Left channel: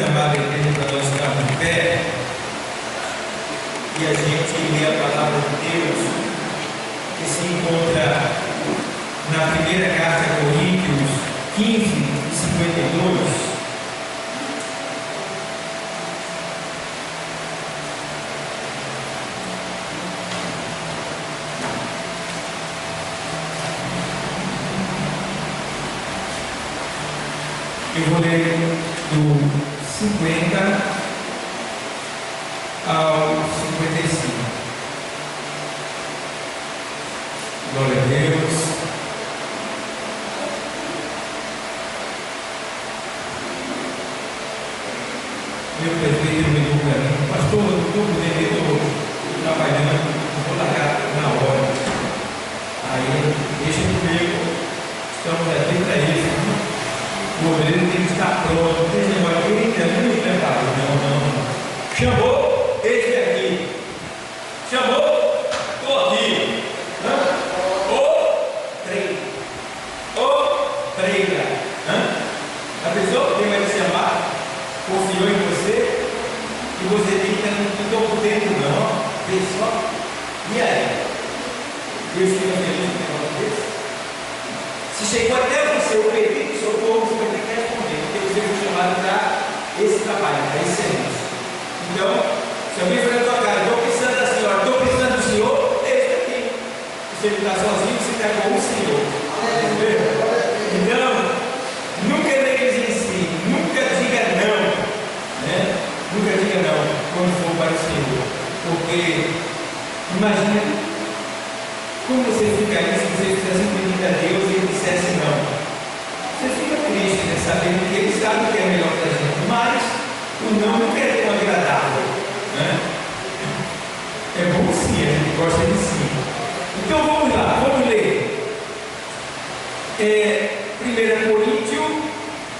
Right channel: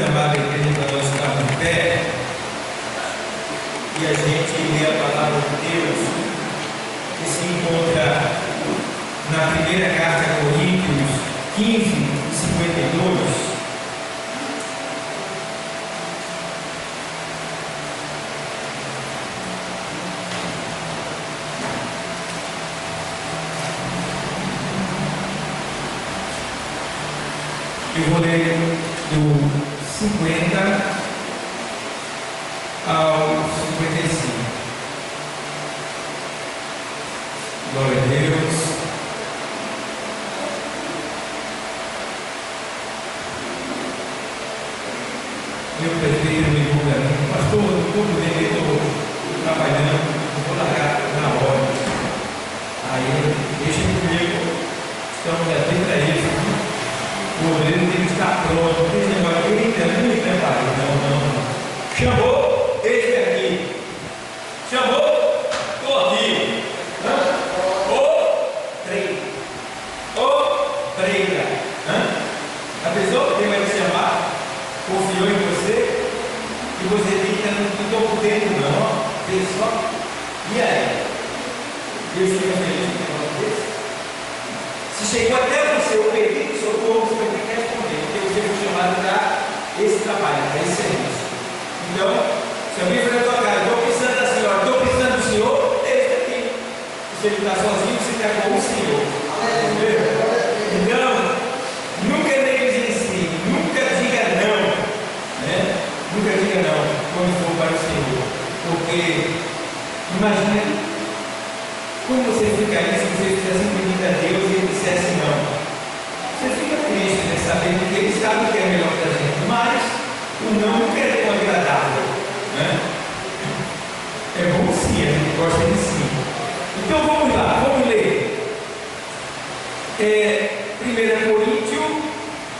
convida, amada igreja, para nós estarmos em pé e a gente lê a palavra de Deus que se encontra na primeira carta a Coríntios 15 e 52. Eu vou ler do 50 ao 55. Glória a Deus. Meu presbítero me ligou para mim: pastor, eu estou trabalhando, vou largar na hora. Aí, deixa comigo, estamos aqui para isso. O obreiro tem que estar pronto, não tem que levar alguém me preparar. Não. Chamou, esse aqui. Chamou, estou aqui. Prega. A pessoa que vai te chamar confiou em você e você tem que estar no topo dentro, não. Vê só. E aí? Deus fica feliz com o negócio desse? Se chegou até você o pedido de socorro, você vai ter que responder, porque você foi chamado para esse trabalho, para esse serviço. Então, se alguém for na tua casa: estou precisando da senhora, estou precisando do senhor, esse aqui. Se ele está sozinho, você está com o senhor. Entendeu? Então, nunca negligencie, nunca diga não, né? Nunca diga não quando for para o Senhor, porque imagina como você ficaria se você fizesse um pedido a Deus e ele dissesse não. Você fica triste, né, sabendo que ele sabe o que é melhor para a gente, mas o não nunca é tão agradável, né? É bom sim, a gente gosta de sim. Então vamos lá, vamos ler 1 Coríntios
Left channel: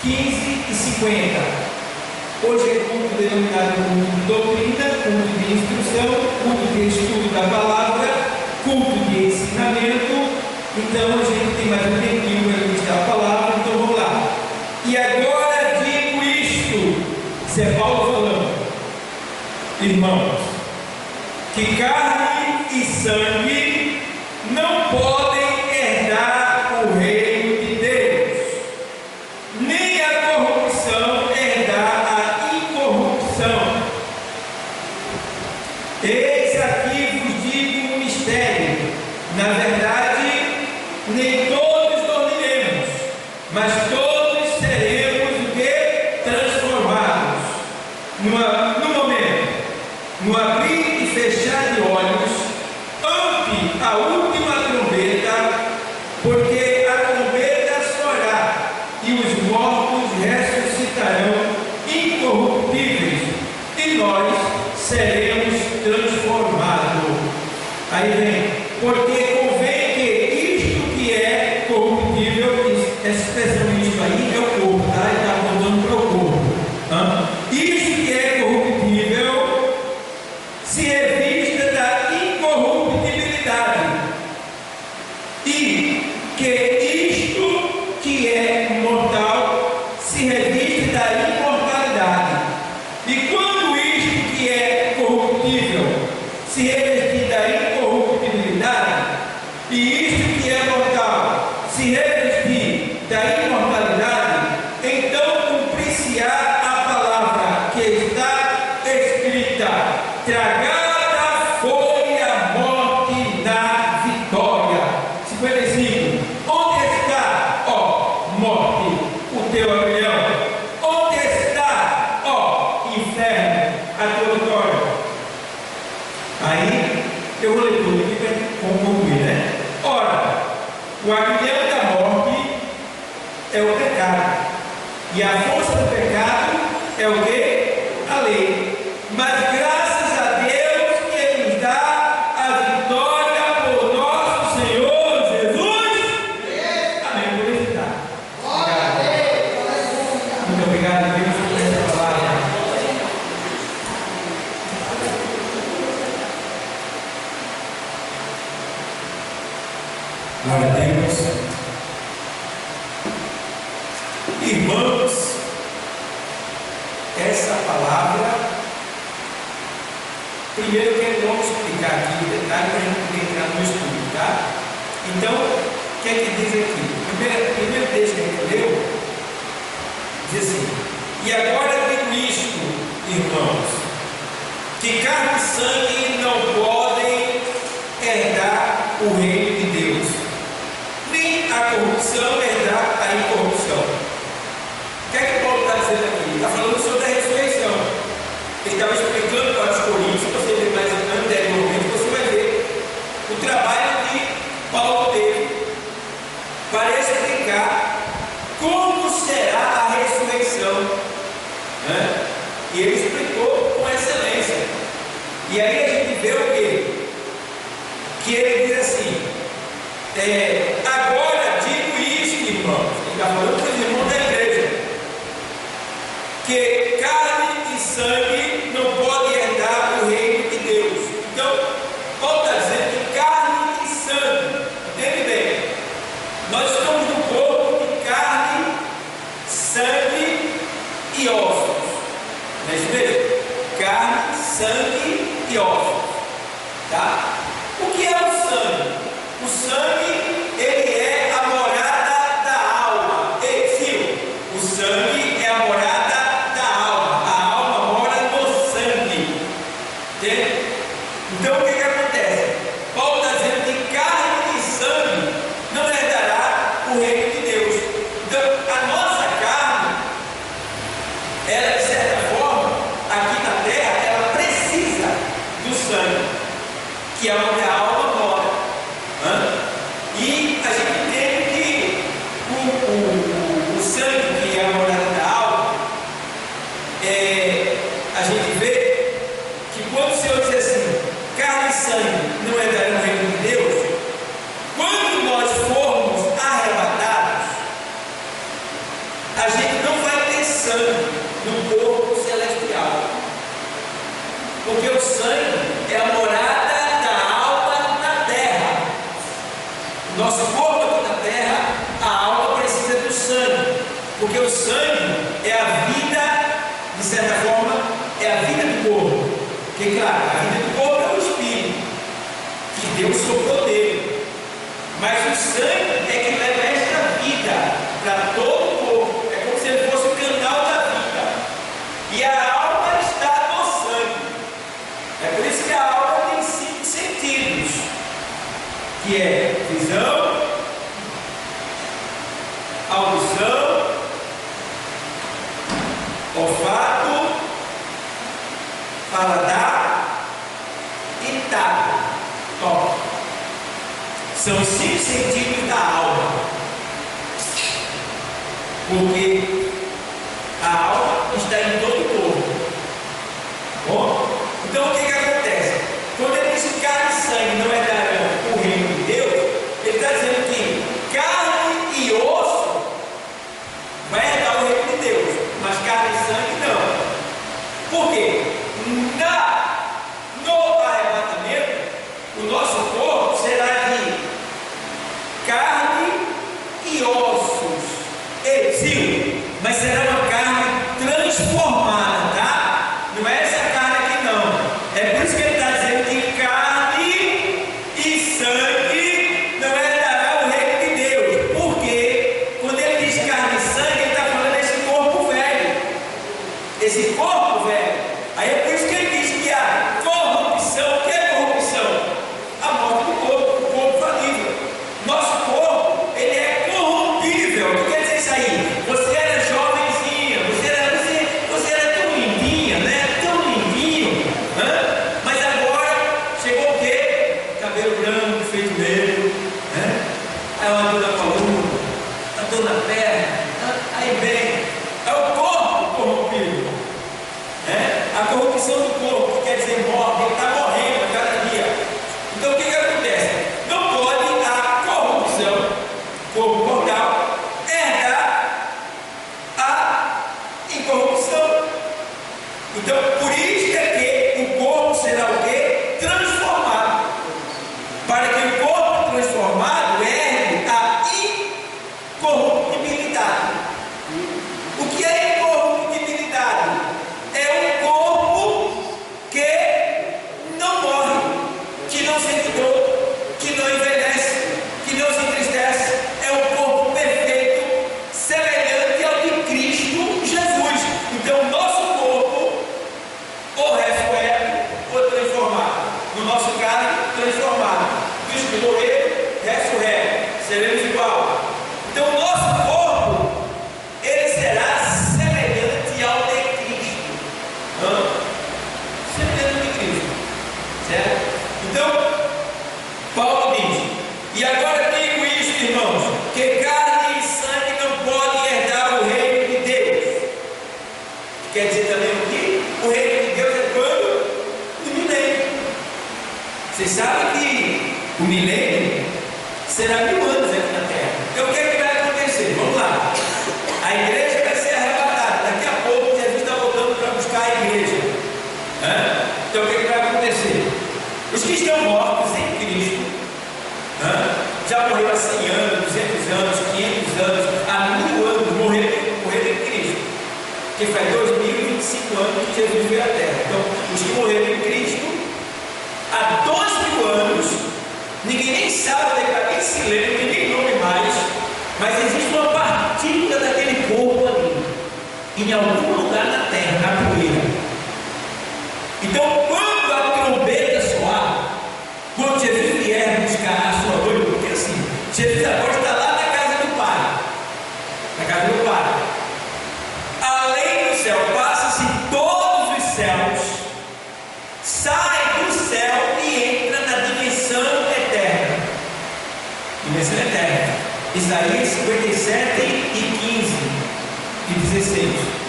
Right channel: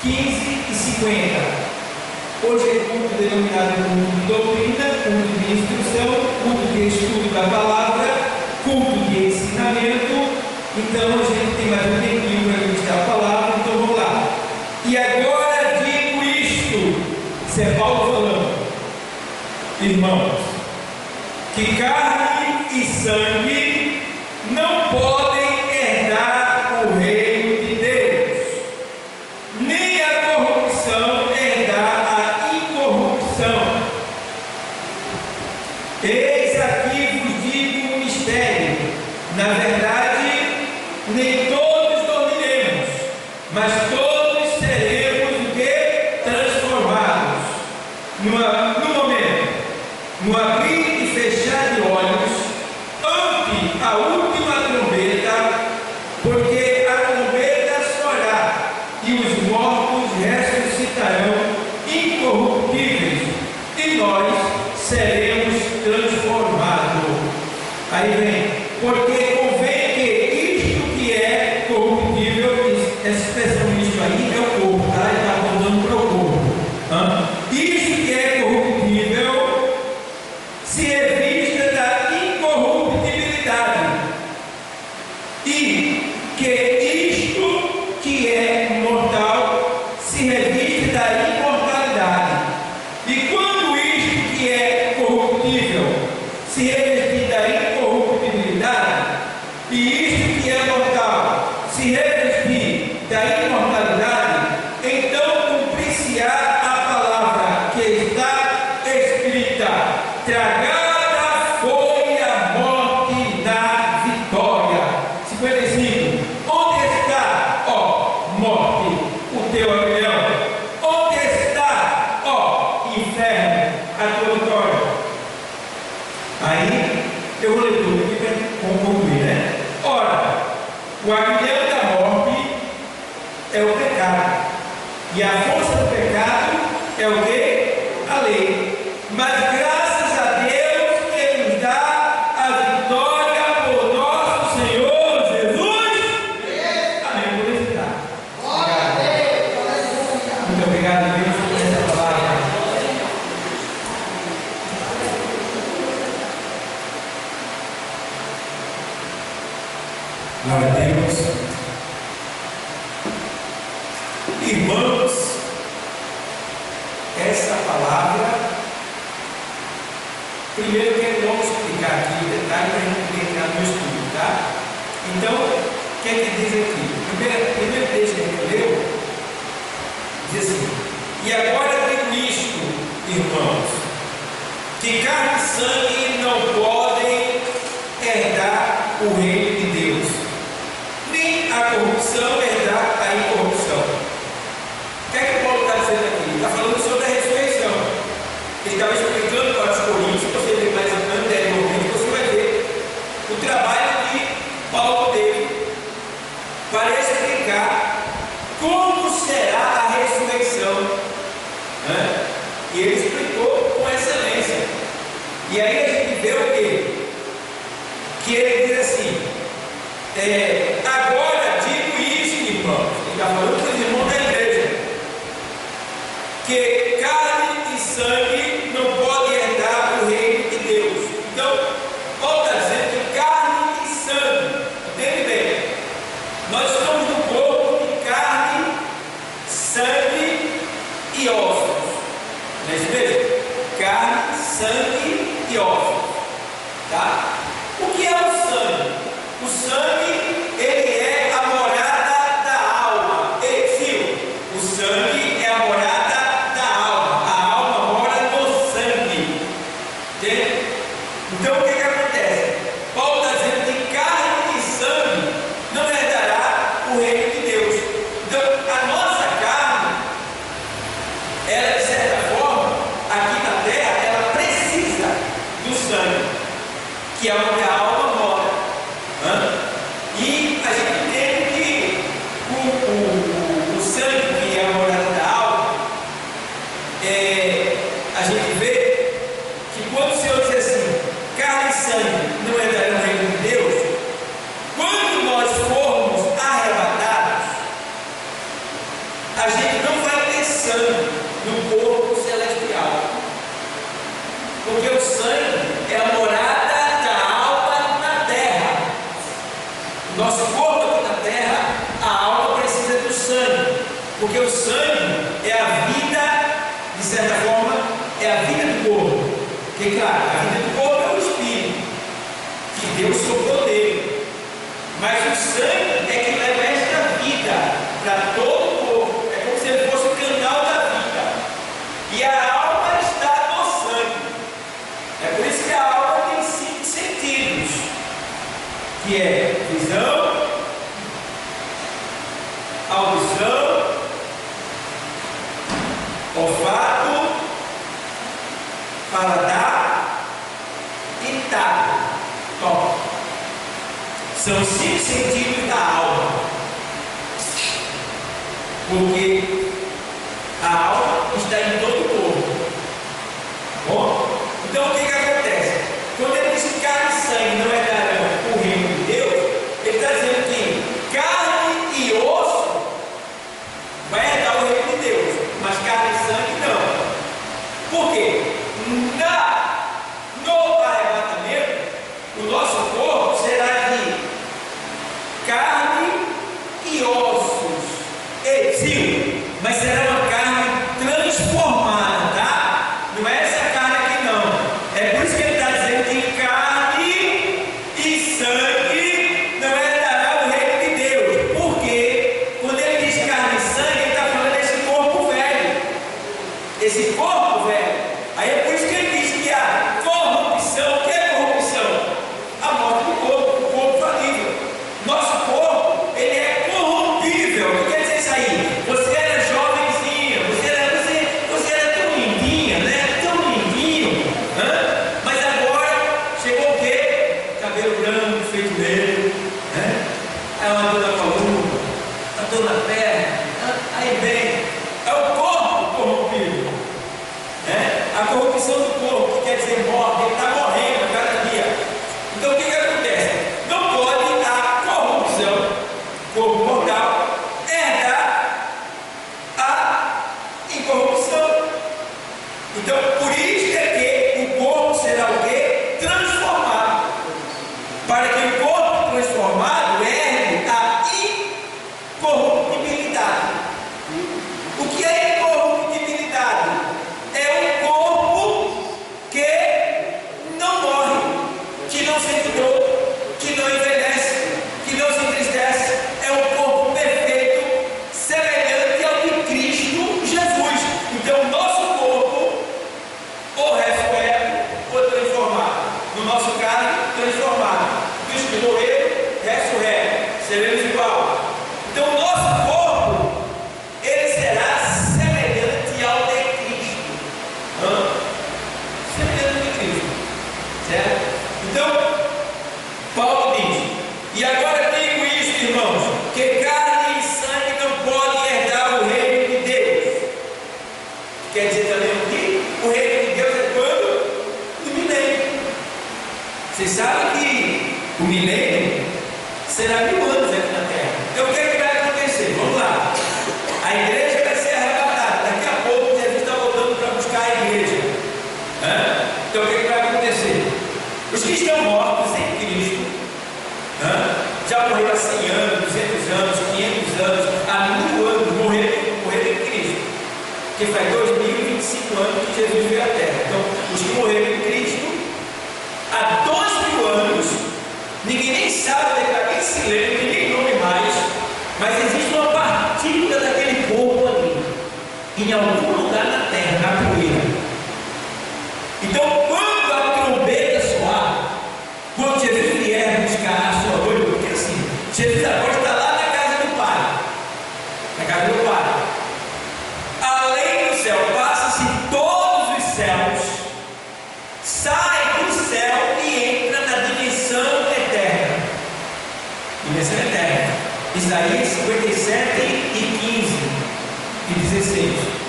15 e 50. Hoje é culto denominado culto de doutrina, culto de instrução, culto de estudo da palavra, culto de ensinamento. Então a gente tem mais um tempinho para ministrar a palavra, então vamos lá. E agora digo isto, isso é Paulo falando: irmãos, que carne e sangue não podem herdar o reino de Deus, nem a corrupção herdar a incorrupção. Eis aqui vos digo um mistério: na verdade, nem todos dormiremos, mas todos seremos o que? Transformados no momento, no abrir e fechar de olhos, ante a última trombeta, porque a trombeta soará e os mortos ressuscitarão incorruptíveis, e nós seremos transformados. Aí vem: porque convém que isto que é corruptível, essa expressão isto aí é o corpo, tá? Ele está apontando para o corpo. Isto que é corruptível se revista da incorruptibilidade, e que isto que é mortal se reviste da imortalidade. E quando isto que é corruptível se revestir da incorruptibilidade, essa palavra, primeiro vamos explicar aqui o detalhe para a gente poder entrar no estudo, tá? Então, o que é que diz aqui? O primeiro texto que a gente leu diz assim: e agora digo isto, irmãos, que carne e sangue não podem herdar o reino de Deus, nem a corrupção herdar a incorrupção. O que é que Paulo está dizendo aqui? Ele está falando sobre a ressurreição. Ele estava explicando para os Coríntios. Se você ler mais anteriormente, você vai ver o trabalho que Paulo teve para explicar como será a ressurreição, né? E ele explicou com excelência. E aí a gente vê o quê? Que ele diz assim: agora digo isto, irmãos. Ele está falando para os irmãos da igreja, que carne e sangue não podem herdar o reino de Deus. Então, Paulo está dizendo que carne e sangue, entende bem? Nós estamos no corpo de carne, sangue e ossos. Não é isso mesmo? Carne, sangue e ossos. Tá? O que é o sangue? O sangue, ele é a morada da alma. O sangue é a morada da alma. A alma mora no sangue. Entende? Então o que acontece? Paulo está dizendo que carne e sangue não herdará o reino de Deus. Então a nossa carne, ela de certa forma, aqui na terra, ela precisa do sangue, que é onde a alma mora. E a gente entende que o sangue, que é a morada da alma, a gente vê que quando o Senhor diz assim, carne e sangue não herdarão o reino de Deus, quando nós formos arrebatados, a gente não vai ter sangue no corpo celestial, porque o sangue é a morada da alma na terra. O nosso corpo aqui na terra, a alma precisa do sangue, porque o sangue é a vida, de certa forma, é a vida do corpo. Porque, claro, a vida do corpo é o espírito, que Deus soprou nele. Mas o sangue é que leva esta vida para todo o corpo. É como se ele fosse o canal da vida. E a alma está no sangue. É por isso que a alma tem 5 sentidos, que é visão, audição, olfato, paladar e tato, toque. São 5 sentidos da alma, porque a alma está em todo o corpo. Bom, então o que acontece? Quando ele diz que carne e sangue não herdarão o reino de Deus, ele está dizendo que carne e osso vai herdar o reino de Deus, mas carne e sangue não. Por quê? No arrebatamento, o nosso corpo será de carne e ossos, mas será uma carne transformada, tá? Não é essa carne aqui não. É por isso que ele está dizendo que carne e sangue não herdará o reino de Deus. Porque quando ele diz carne e sangue, ele está falando desse corpo velho. Esse corpo velho. Aí é por isso que ele diz que a corrupção, o que é corrupção? A morte do corpo, o corpo falível. Nosso corpo, ele é corrompível. O que quer dizer isso aí? Você era jovenzinha, você era tão lindinha, né? Tão lindinho, né? Mas agora chegou o quê? Cabelo branco, feito negro, né? Aí uma dor na coluna, uma dor na perna, aí vem, é o corpo corrompido, né? A corrupção do corpo, que quer dizer morte, ele está morrendo a cada dia. Então o que acontece? Não pode a corrupção, corpo mortal, herdar a incorrupção. Então por isso é que o corpo será o quê? Transformado. Para que o corpo transformado herde a incorruptibilidade. O que é incorruptibilidade? Quer dizer também o quê? O reino de Deus é quando? No milênio. Vocês sabem que o milênio será 1000 anos aqui na terra. Então o que é que vai acontecer? Vamos lá. A igreja vai ser arrebatada. Daqui a pouco Jesus está voltando para buscar a igreja. Então o que é que vai acontecer? Os que estão mortos em Cristo, já morreram há 100 anos, 200 anos, 500 anos, há 1000 anos, morreram em Cristo. Que faz 2025 anos que Jesus veio à terra. Então, os que morreram em Cristo, há 2000 anos, ninguém nem sabe, nem se lembra, ninguém nome mais, mas existe uma partícula daquele corpo ali, em algum lugar na terra, na poeira. Então, quando a trombeta soar, quando Jesus vier buscar a sua noiva, porque assim, Jesus agora está lá na casa do Pai, na casa do Pai. Além do céu, passa-se todos os céus, sai do céu e entra na dimensão eterna. Dimensão eterna. Isaías 57 e 15 e 16.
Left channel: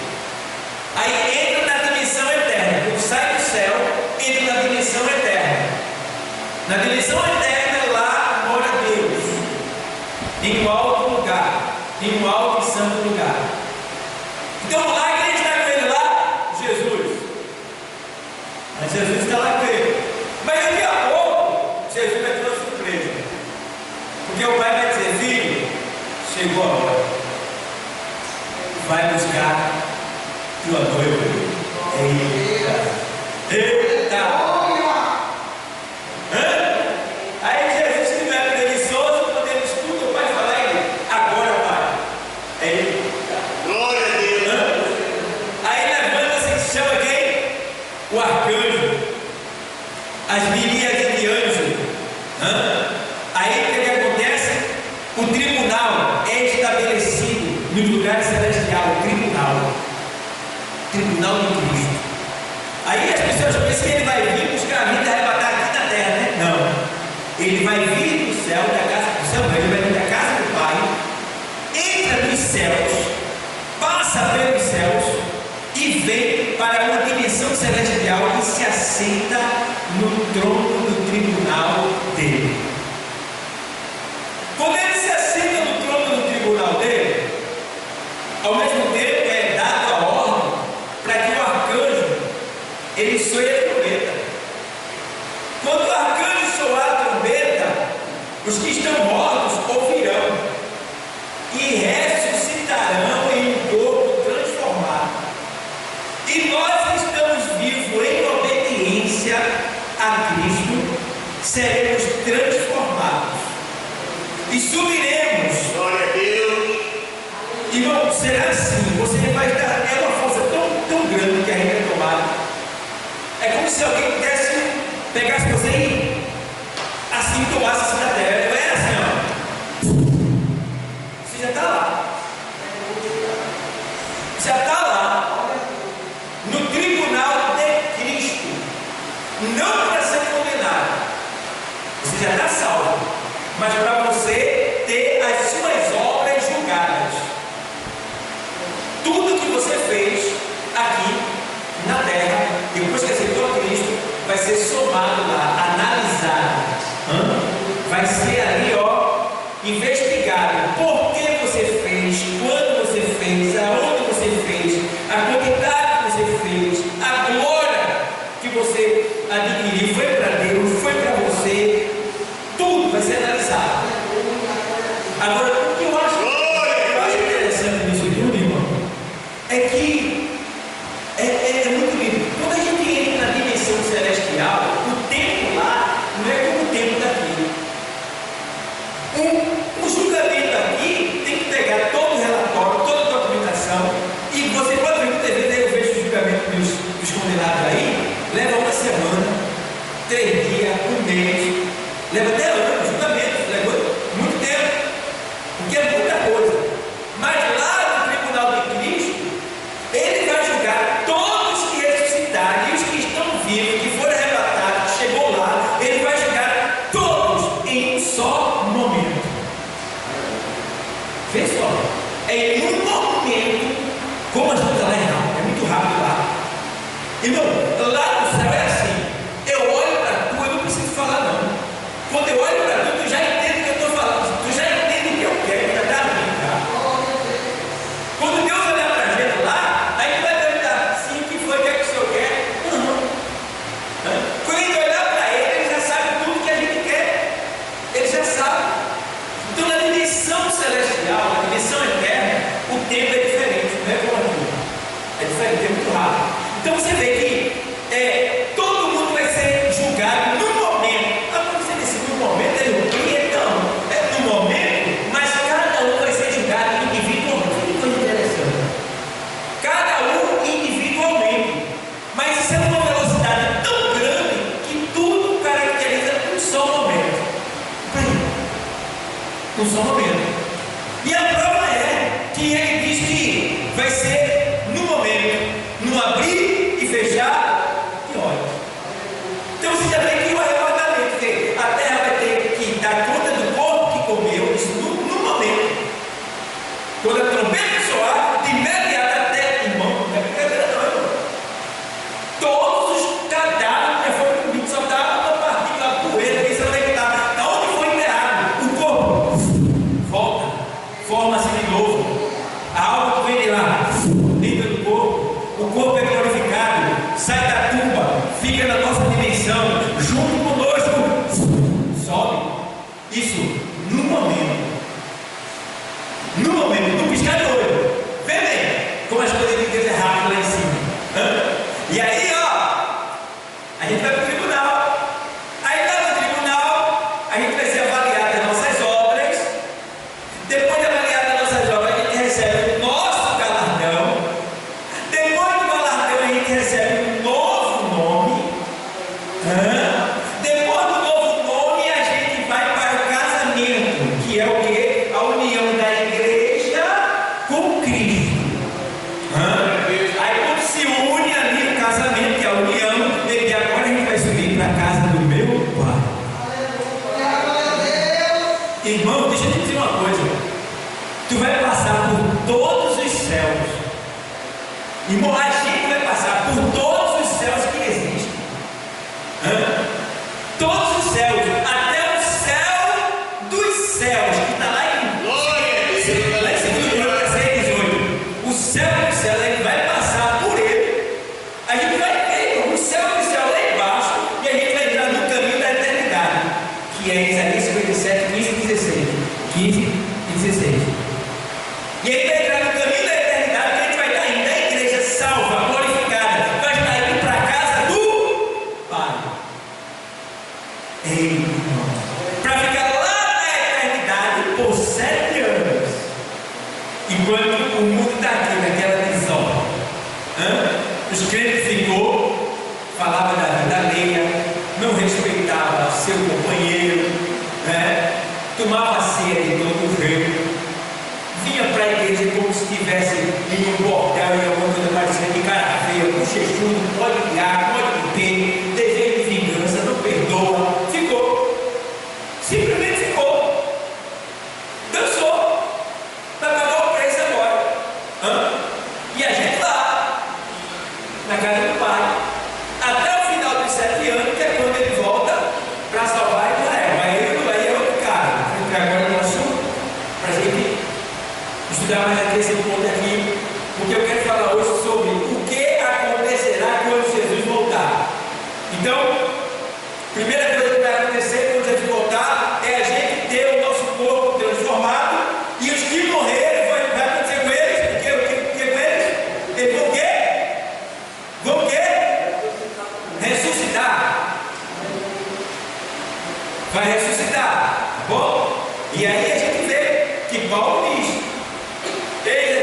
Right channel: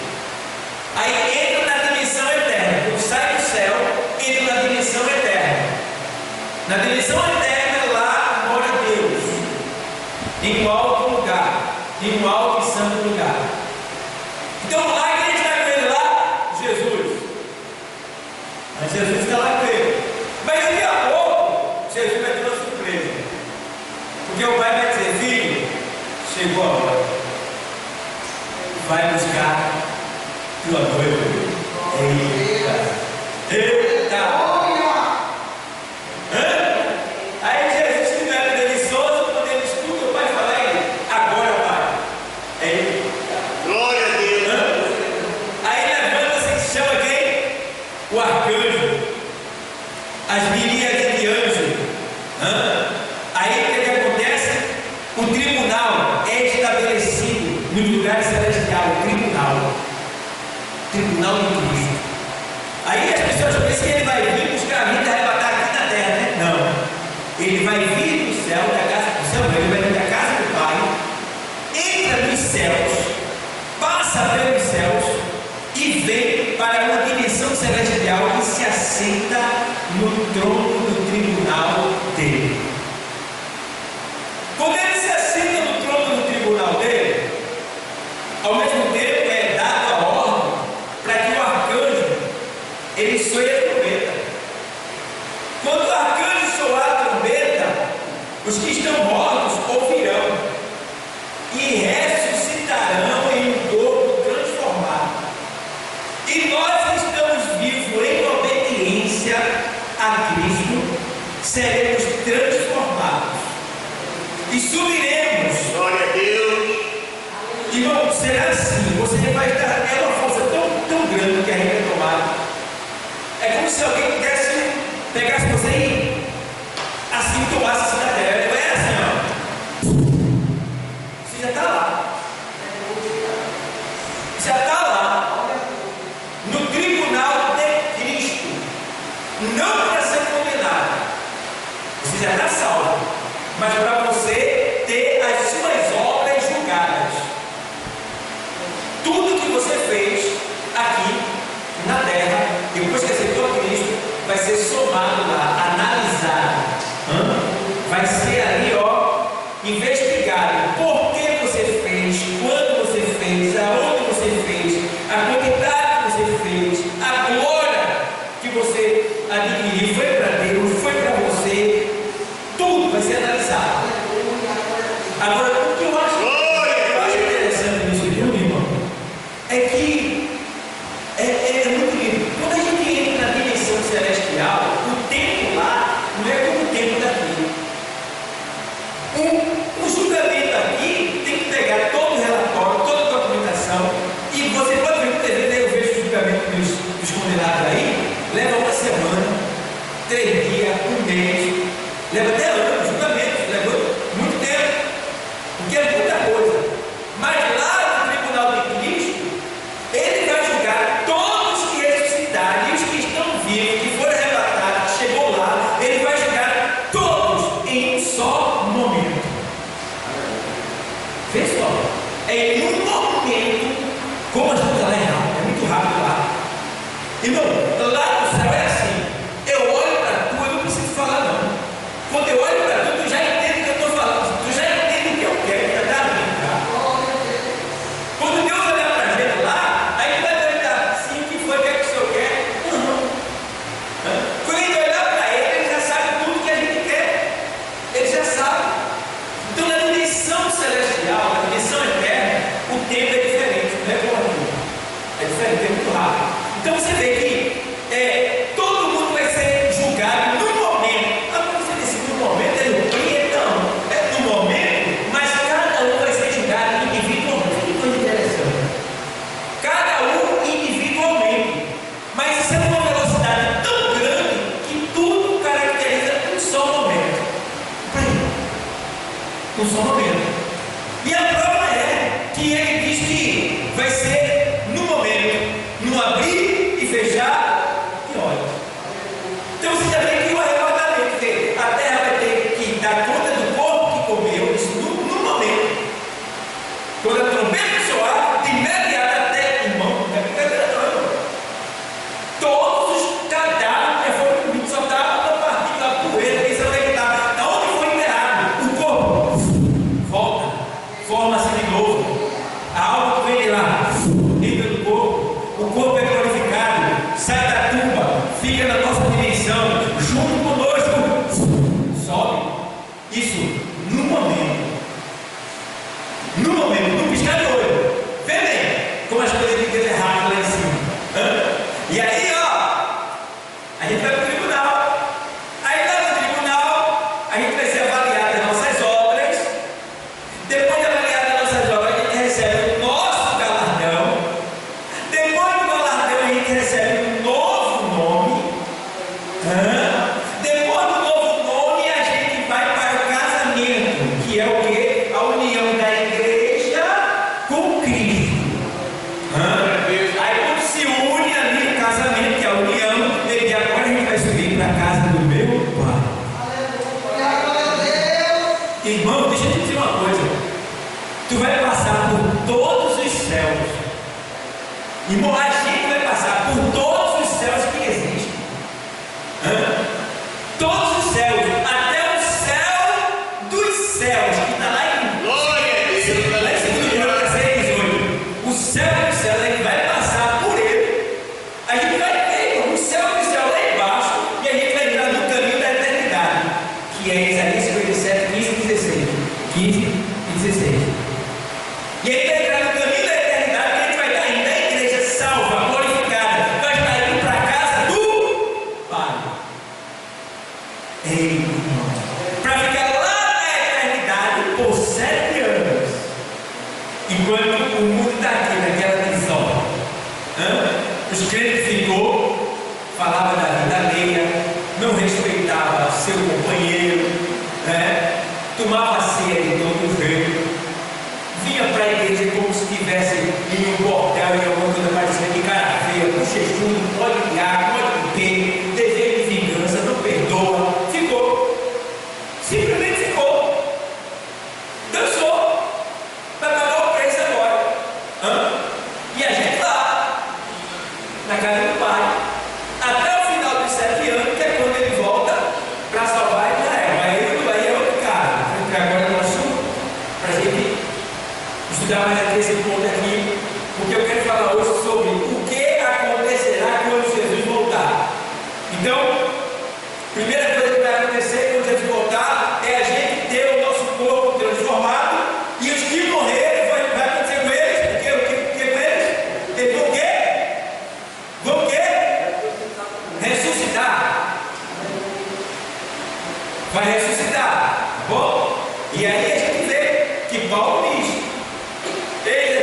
Aí entra na dimensão eterna. Quando sai do céu, entra na dimensão eterna. Na dimensão eterna, lá mora Deus, em um alto lugar, em um alto e santo lugar. Então lá quem está com ele lá? Jesus. Mas Jesus está lá com ele. Mas daqui a pouco, Jesus vai ter uma surpresa. Porque o pai vai dizer: filho, chegou a hora. Vai buscar tua noiva. Eita! Eita! Aí Jesus, que não era delicioso, quando ele escuta o pai falar, ele: agora, pai. É ele. Glória a Deus. Aí levanta-se, chama quem? O arcanjo, as miríades de anjos. Aí o que acontece? O tribunal é estabelecido no lugar celestial. Tribunal de Cristo. Aí as pessoas pensam que ele vai vir buscar a vida e arrebatar aqui na terra, né? Não. Ele vai vir do céu, da casa do céu, ele vai vir da casa do Pai, entra nos céus, passa pelos céus e vem para uma dimensão celestial e se assenta no trono do tribunal dele. Quando ele se assenta no trono do tribunal dele, ao mesmo tempo é dado a ordem para que o arcanjo ele soe a trombeta. Quando o arcanjo soar a trombeta, os que estão mortos ouvirão e ressuscitarão em um corpo transformado. E nós que estamos vivos em obediência a Cristo, seremos transformados e subiremos. Glória a Deus. Irmão, será assim, você vai estar, é uma força tão grande que a gente é tomada. É como se alguém pegasse você e assim tomasse a cidadela. Não é assim, ó. Você já está lá. Já está lá. No tribunal de Cristo. Não para ser condenado. Você já está salvo. Mas para você ter as suas obras julgadas. Tudo que você fez aqui na terra, depois que aceitou a Cristo, vai ser somado lá, analisado. Vai ser ali, ó, investigado. Por que você fez, quando você fez, aonde você fez, a quantidade que você fez, a glória que você adquiriu, foi para Deus, foi para você. Tudo vai ser analisado. Agora, o que eu acho interessante nisso tudo, irmão, é que é muito lindo. Quando a gente entra na dimensão celestial, o tempo lá não é como o tempo daqui. O julgamento aqui tem que pegar todo o relatório, toda a documentação, e você pode ver muitas vezes, eu vejo o julgamento dos condenados aí, leva uma semana, 3 dias, 1 mês, leva até anos, julgamento, leva muito tempo, porque é muita coisa. Mas lá no tribunal de Cristo, ele vai julgar todos que ressuscitaram e os que estão vivos, que foram arrebatados, que chegou lá, ele vai julgar todos em um só momento. Vê só, é em um momento, como a gente está lá é muito rápido. Irmão, lá no céu é assim. Eu olho para tu, eu não preciso falar não. Quando eu olho para tu, tu já entende o que eu estou falando. Tu já entende o que eu quero, já está ali, tá? Quando Deus olhar para a gente lá, aí tu vai perguntar assim, o que foi, o que é que o Senhor quer? Não. Quando a gente olhar para Ele, Ele já sabe tudo que a gente quer. Ele já sabe. Então na dimensão celestial, na dimensão eterna, o tempo é diferente, não é como aqui. É diferente, é muito rápido. Então você vê que todo mundo vai ser julgado no momento. Agora você disse no momento, é no que? Não, é no momento, mas cada um vai ser julgado individualmente. Que coisa interessante. Cada um individualmente. Mas isso é uma velocidade tão grande que tudo caracteriza um só momento. Um só momento. E a prova é que ele diz que vai ser no momento, no abrir e fechar de olhos. Então você já vê que o arrebatamento, que a terra vai ter que dar conta do corpo que comeu, isso no momento. Quando a trombeta soar, de imediato até, irmão, não é brincadeira não, irmão. Todos os cadáveres que foram comidos só estavam na parte da poeira, que você não vai estar. Da onde foi enterrado? O corpo volta, forma-se de novo. A alma que vem de lá, entra no corpo. O corpo é glorificado, sai da tumba, fica na nossa dimensão, junto conosco, sobe. Isso no momento. No momento, no piscar de olho. Vê bem como as coisas de Deus é rápido lá em cima. E aí, a gente vai para o tribunal. Aí lá no tribunal, a gente vai ser avaliado as nossas obras. Depois de avaliar as nossas obras, a gente recebe o nosso galardão. Depois do galardão, a gente recebe um novo nome. Depois do novo nome, a gente vai para o casamento, que é o quê? A união da igreja com Cristo. Aí quando se une ali no casamento, que é a união, ele diz, agora a gente vai subir para a casa do meu Pai. Irmão, deixa eu te dizer uma coisa. Tu vai passar por todos os céus. Irmão, a gente vai passar por todos os céus que existem. Todos os céus, até o céu dos céus, que está lá em 2 Crônicas 6:18. O céu dos céus, a gente vai passar por ele. A gente vai ver o céu dos céus lá embaixo e a gente vai entrar no caminho da eternidade, que é Isaías 57, 15 e 16. 15 e 16. E aí vai entrar no caminho da eternidade, que a gente vai estar indo da igreja salva, glorificada, vai estar indo para a casa do Pai. Ei, para ficar lá na eternidade por 7 anos, enquanto o mundo está aqui naquela visão. Os crentes ficou, falava da vida alheia, não respeitava seu companheiro, tomava a ceia de todo jeito, vinha para a igreja como se estivesse em um bordel e alguma coisa parecida de cara feia, bochechudo, pode guiar, pode ter, desejo de vingança, não perdoa. Ficou, simplesmente ficou, dançou, vai pagar o preço agora. E a gente lá, na casa do Pai, até o final dos 7 anos, que é quando ele volta para salvar Israel. Aí é outro cara. Vou entrar agora no assunto para a gente estudar mais aqui esse ponto aqui, porque eu quero falar hoje sobre o que acontecerá quando Jesus voltar. Então, primeira coisa que vai acontecer quando Jesus voltar é a gente ter o nosso corpo transformado, e os que morrerem, vai acontecer com eles. O que com eles? Eles vão o quê? Vão o quê? Ressuscitar. Vai ressuscitar. Bom, e aí a gente vê que Paulo diz: eis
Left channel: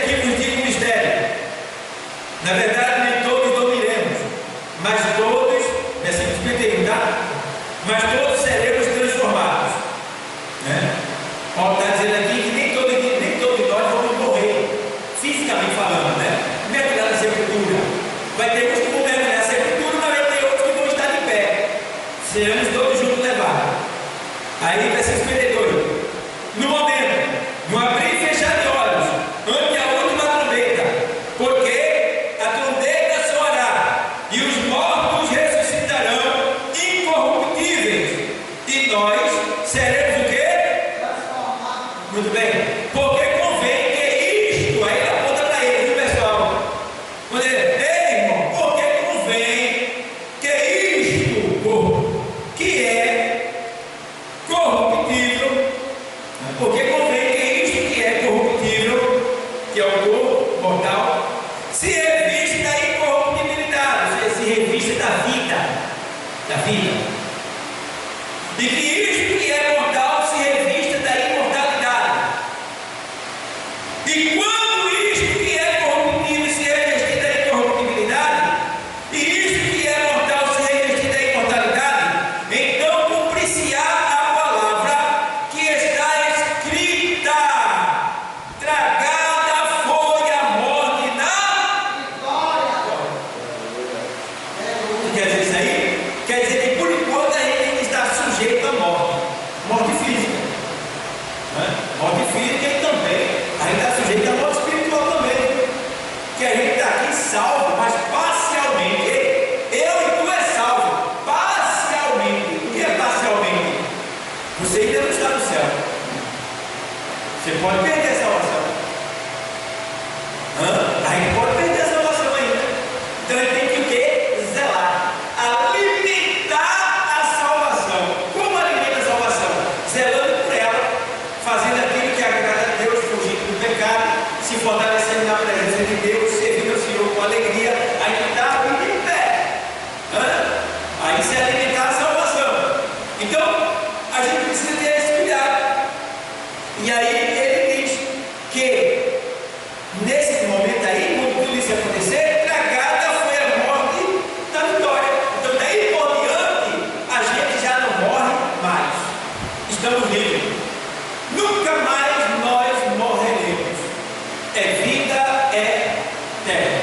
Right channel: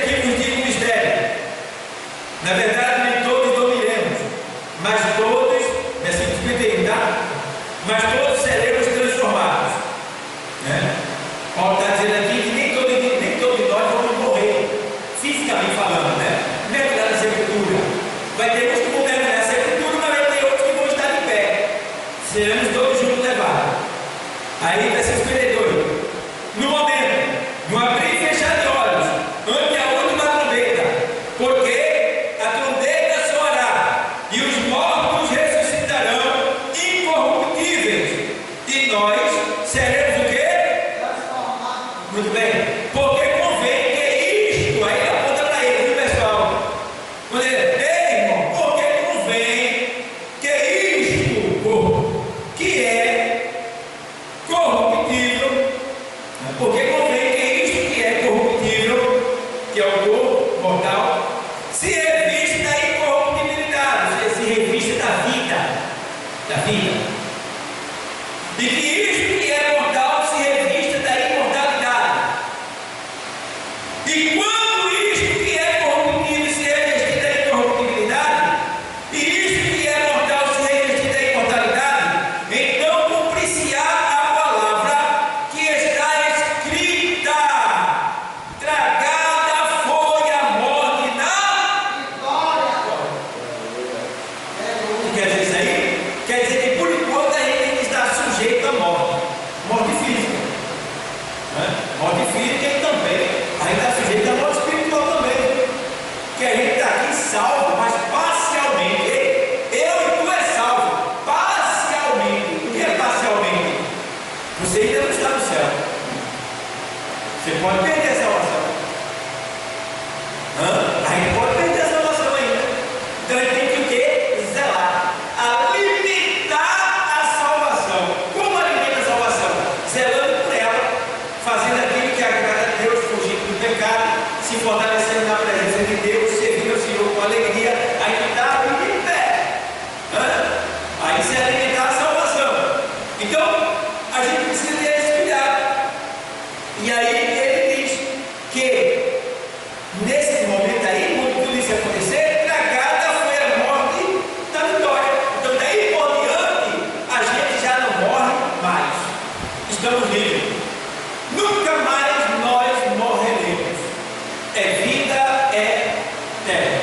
vida. E que isto que é mortal se revista da imortalidade. E quando isto que é corruptível se revestir da incorruptibilidade, e isto que é mortal se revestir da imortalidade, então cumprir-se-á a palavra que está escrita: tragada foi a morte na vitória. O que quer dizer isso aí? Quer dizer que por enquanto a gente está sujeito à morte, morte física, né? Morte física e também a gente está sujeito à morte espiritual também, que a gente está aqui salvo, mas parcialmente. Eu e tu é salvo parcialmente. O que é parcialmente? Você ainda não está no céu. Você pode perder a salvação. A gente pode perder a salvação ainda. Então a gente tem que o quê? Zelar. Alimentar a salvação. Como alimenta a salvação? Zelando por ela, fazendo aquilo que agrada a Deus, fugindo do pecado, se fortalecendo na presença de Deus, servindo ao Senhor com alegria. Aí está em pé. Aí se alimentar a salvação. Então a gente precisa ter esse cuidado. E aí ele diz que nesse momento aí, quando tudo isso acontecer, tragada foi a morte da vitória. Então daí por diante a gente já não morre mais. Estamos livres. Nunca mais nós morreremos. É vida eterna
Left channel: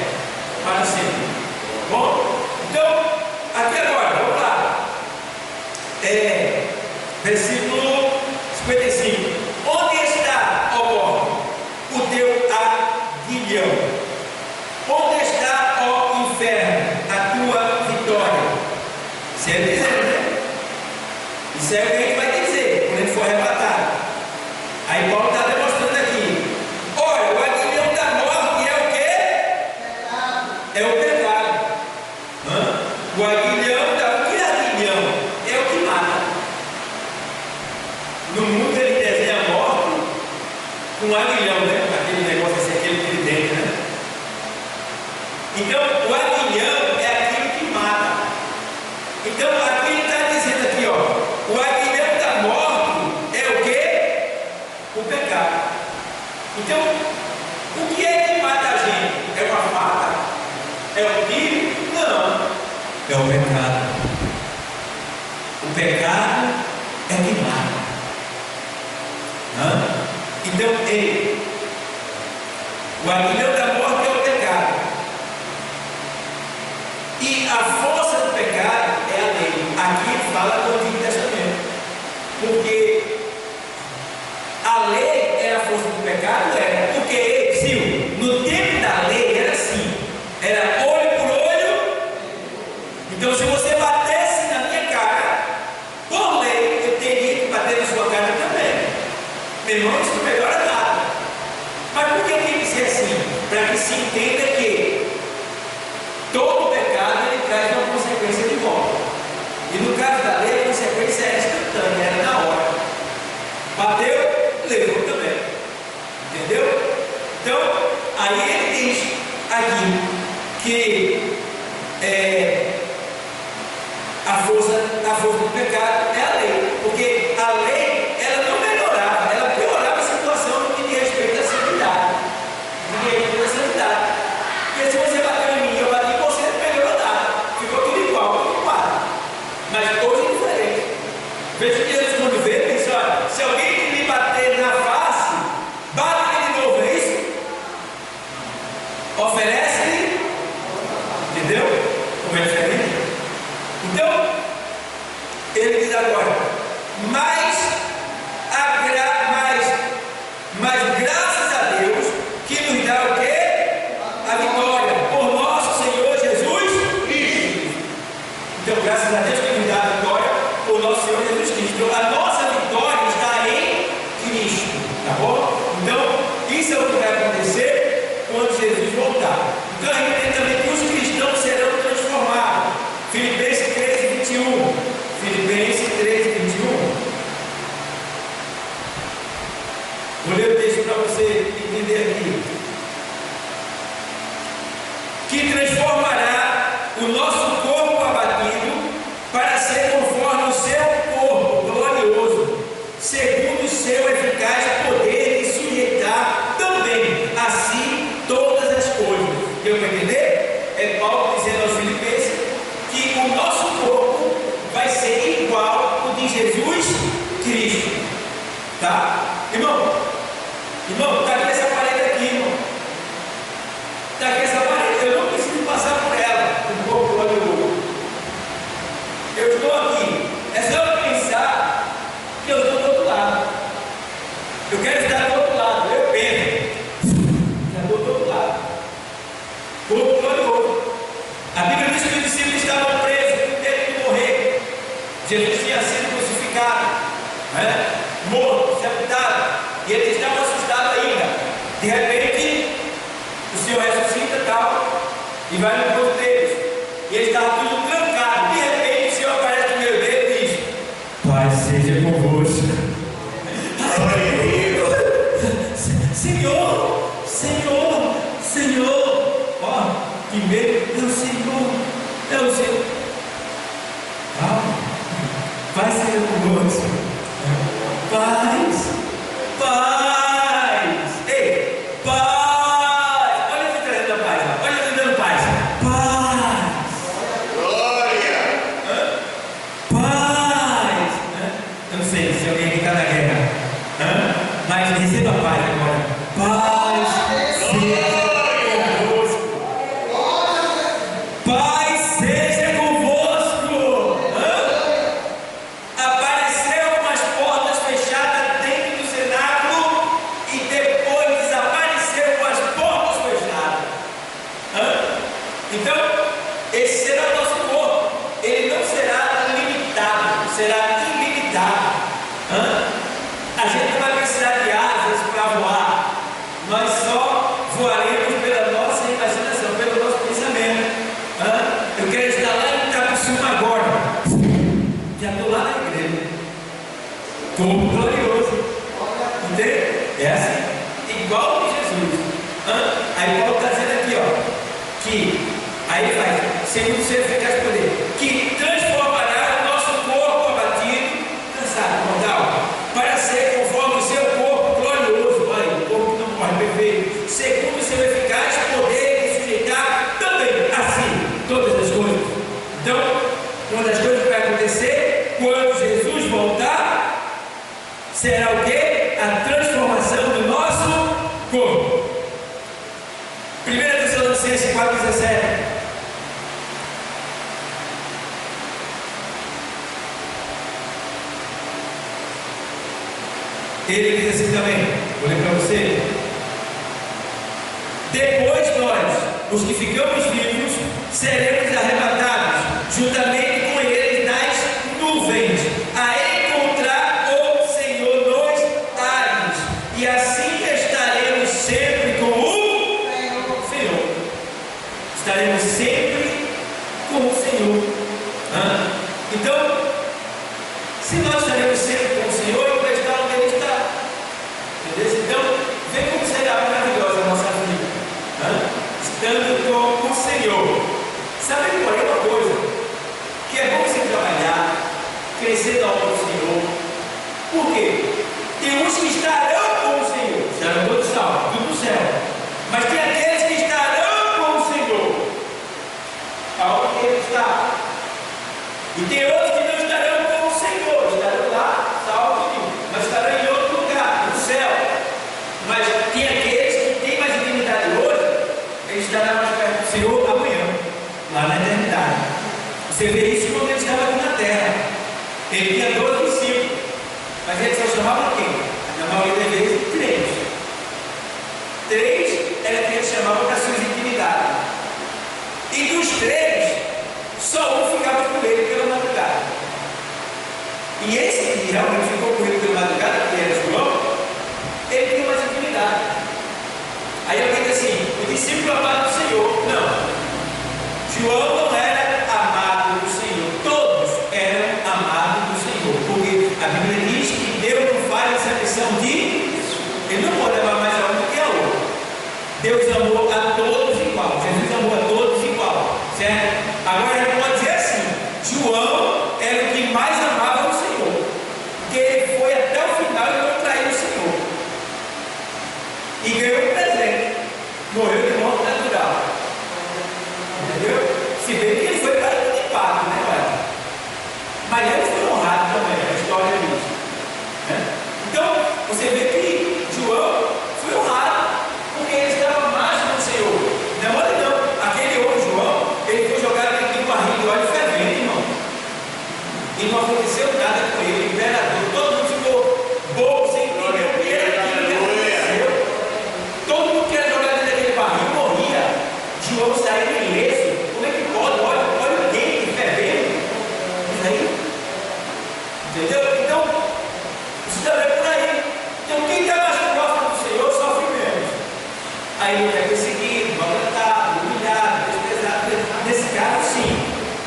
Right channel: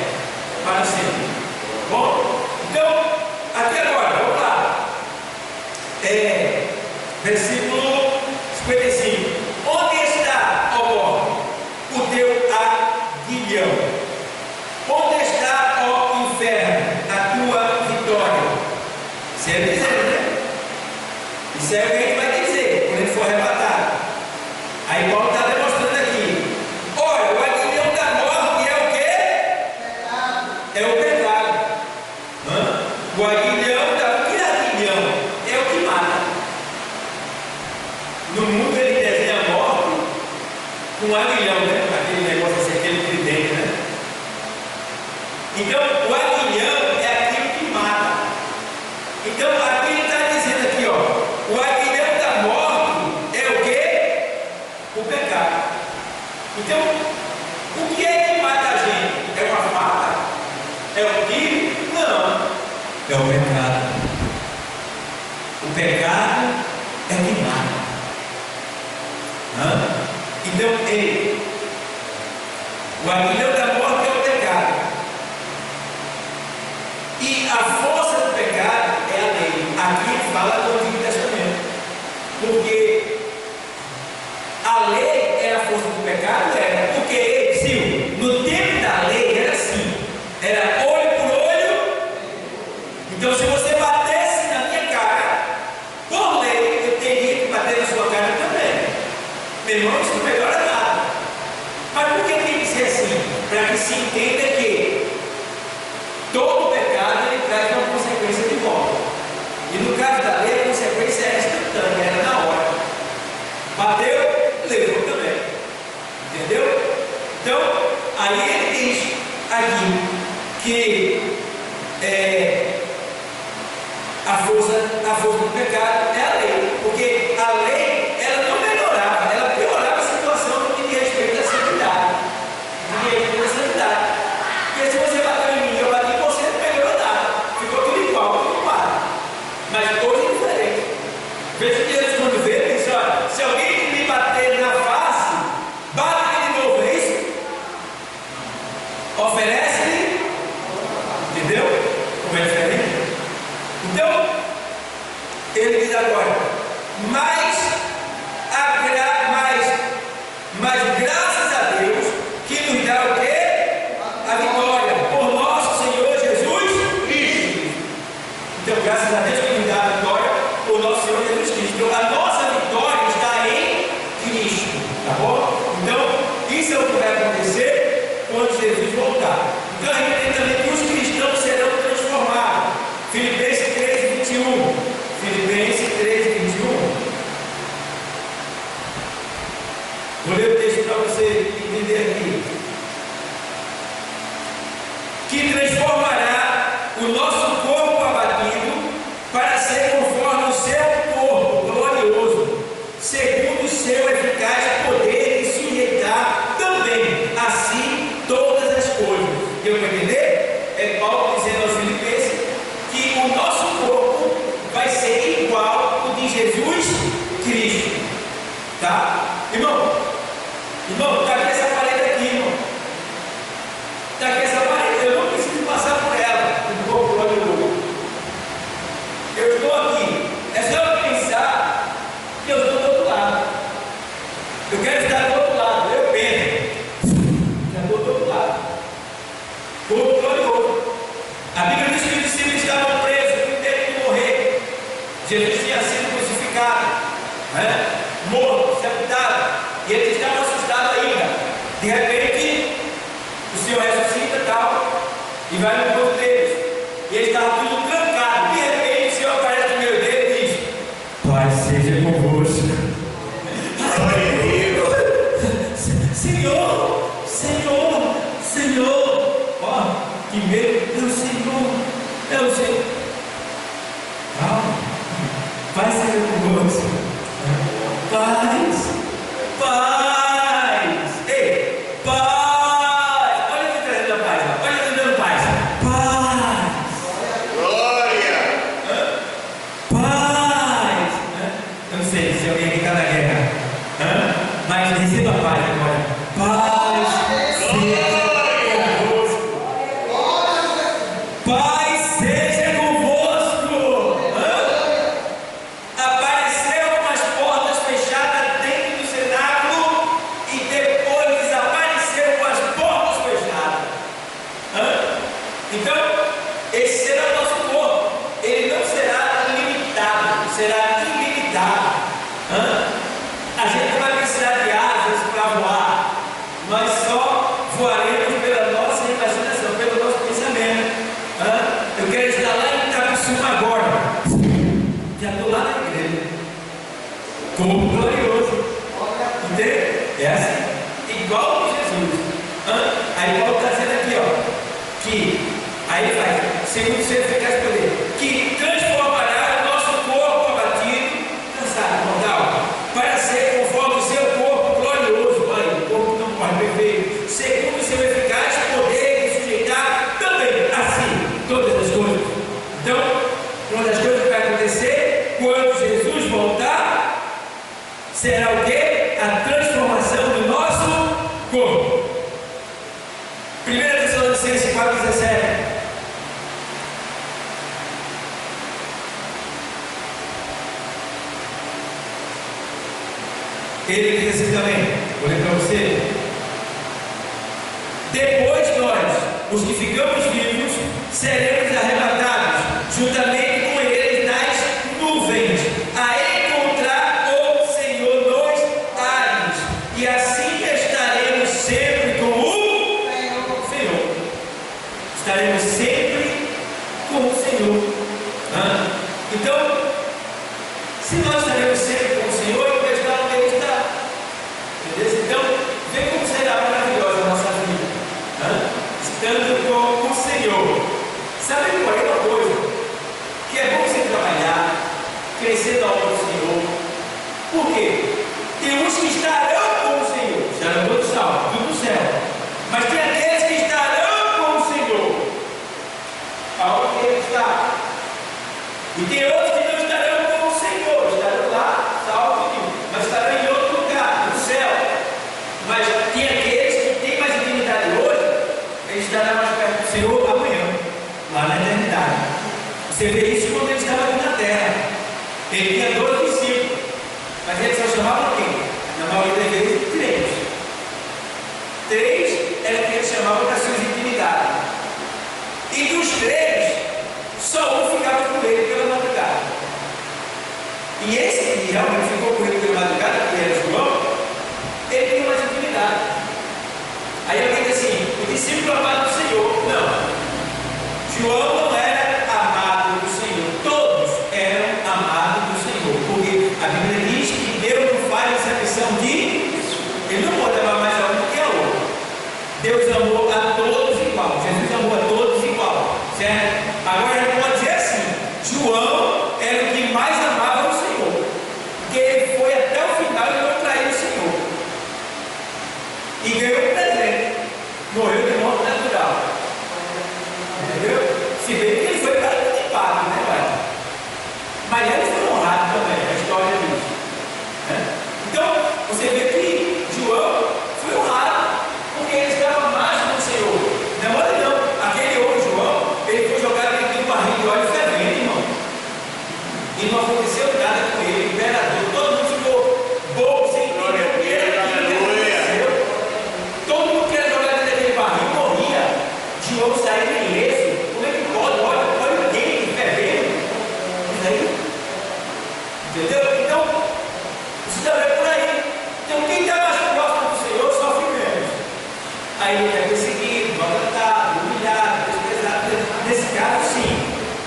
para sempre. Bom, então aqui agora, vamos lá. Versículo 55. Onde está, ó morte, o teu aguilhão? Onde está, ó inferno, a tua vitória? Isso é dizer, né? Isso é o que a gente vai dizer quando a gente for arrebatado. Aí Paulo está demonstrando aqui. Olha, o aguilhão da morte é o quê? Pecado. É o pecado. O aguilhão da... O que é aguilhão? É o que mata. No mundo ele desenha a morte com um aguilhão, né? Aquele negócio assim, aquele tridente, né? Então, o aguilhão é aquilo que mata. Então, aqui ele está dizendo aqui, ó, o aguilhão da morte é o quê? O pecado. Então, o que é que mata a gente? É uma faca? É o tiro? Não. É o pecado. O pecado é que mata. Então, o aguilhão da morte é o pecado. E a força do pecado é a lei. Aqui ele fala do Antigo Testamento. Porque a lei era a força do pecado, era. Porque, Sil, no tempo da lei era assim: era olho por olho. Então, se você batesse na minha cara, por lei, eu teria que bater na sua cara também. Meu irmão, isso não melhora nada. Mas por que tem que ser assim? Para que se entenda que todo pecado ele traz uma consequência de volta. E no caso da lei, a consequência é instantânea, era na hora. Bateu, levou também. Entendeu? Então, aí ele diz aqui que a força do pecado é a lei. Porque a lei, ela não melhorava, ela piorava a situação no que diz respeito à santidade. No que diz respeito à santidade. Porque se você bateu em mim e eu bati em você, não melhorou nada. Ficou tudo igual, tudo igual. Mas hoje é diferente. Veja que Jesus, quando vê, diz: olha, se alguém me bater na face, bate-lhe de novo, é isso? Oferece-lhe. Entendeu? Como é diferente? Então, ele diz agora: mas graças a Deus que nos dá o quê? A vitória por nosso Senhor Jesus Cristo. Então, graças a Deus que nos dá a vitória por nosso Senhor Jesus Cristo. Então, a nossa vitória está em Cristo, tá bom? Então, isso é o que vai acontecer quando Jesus voltar. Então, a gente tem também que os cristãos serão transformados. Filipenses 3:21. Filipenses 3:21. Vou ler o texto para você entender aqui. Que transformará o nosso corpo abatido para Jesus tinha sido crucificado, né? Morto, sepultado, e eles estavam assustados ainda. De repente, o Senhor ressuscita e tal, e vai no corpo deles, e eles estavam tudo trancado. De repente, o Senhor aparece no meio deles e diz: Pai seja convosco. Senhor, Senhor, Senhor, ó, que medo, é o Senhor, é o Senhor. Calma, Pai seja convosco. Paz, paz, ei, paz. Olha aqui trazendo a paz, olha aqui dando paz. Paz, glória, paz. Eu não sei se alguém aqui está na guerra, mas receba a paz agora. Paz seja convosco. Paz seja convosco. Apareceu com as portas fechadas dentro do cenáculo e depois desapareceu com as portas fechadas. Então, esse será o nosso corpo. Ele não será limitado, será ilimitado. A gente não vai precisar de asas para voar. Nós só voaremos pela nossa imaginação, pelo nosso pensamento. Eu quero estar lá em Itapissuma agora. Já estou lá na igreja. Corpo glorioso. Entende? É assim. Igual que Jesus. Aí Paulo está dizendo aqui, ó, que aí ele faz, segundo o seu eficaz poder, que transformará o nosso corpo abatido, cansado, mortal, para ser conforme o seu corpo glorioso. Olha, o corpo que não morre, perfeito, segundo o seu eficaz poder de sujeitar também assim todas as coisas. Então, uma das coisas que vai acontecer quando Jesus voltar será o quê? A transformação do nosso corpo. 1 Tessalonicenses 4,17. Ele diz assim também, vou ler para você: depois nós, os que ficamos vivos, seremos arrebatados juntamente com eles nas nuvens, a encontrar o Senhor nos ares, e assim estaremos sempre com o Senhor. Estaremos sempre com o Senhor. Então, se nós estaremos sempre com o Senhor, eu vou estar onde Ele está. Entendeu? Então, vê como será maravilhosa a nossa vida, estando com o Senhor. Sabe, porém, uma coisa, que é bom você trabalhar, crescer na obra do Senhor. Por quê? Tem uns que estarão com o Senhor, estarão todos salvos, tudo no céu. Mas tem aqueles que estarão com o Senhor, aonde Ele está. E tem outros que não estarão com o Senhor, estarão lá, salvos, mas estarão em outro lugar, no céu. Mas tem aqueles que têm mais intimidade hoje, ele estará mais perto do Senhor amanhã, lá na eternidade. Você vê isso quando ele estava aqui na terra. Ele tinha 12 discípulos, mas ele só chamava quem? Na maioria das vezes, 3. 3 era quem ele chamava para suas intimidades. E dos 3, só um ficava com ele pela madrugada. E esse que realmente ficou com ele pela madrugada, que era João, ele tem mais intimidade. Aí alguém diz assim: o discípulo amado do Senhor. Não. João não era amado do Senhor. Todos eram amados do Senhor. Porque a Bíblia diz que Deus não faz exceção de. Ele não pode amar mais a um do que a outro. Deus amou a todos igual. Jesus amou a todos igual. Certo? Agora ele pode dizer assim: João era o que mais amava o Senhor. Porque ele foi até o final e não traiu o Senhor. E ganhou um presente. Morreu de morte natural. Entendeu? Se bem que ele foi para o impacto, né, pai? Mas ele foi honrado também, a história diz. Então, você vê que João foi honrado, porque ele estava mais com o Senhor. Não, olha não, aquele homem João, ele foi jogado dentro de um barril de óleo fervente, irmão. nesse caso sim.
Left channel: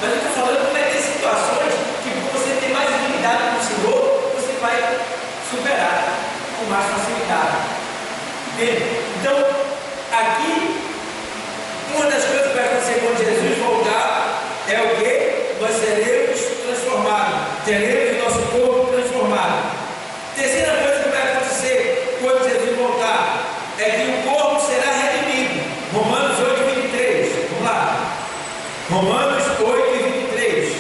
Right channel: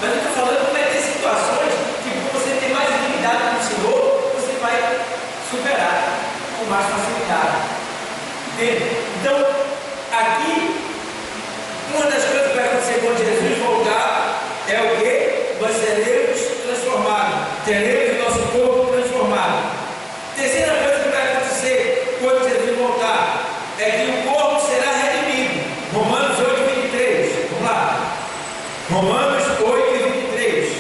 Mas eu estou falando que vai ter situações que, por você ter mais intimidade com o Senhor, você vai superar com mais facilidade. Entende? Então, aqui, uma das coisas que vai acontecer quando Jesus voltar é o quê? Nós seremos transformados, teremos o nosso corpo transformado. Terceira coisa que vai acontecer quando Jesus voltar é que o corpo será redimido. Romanos 8:23. Vamos lá. Romanos 8:23.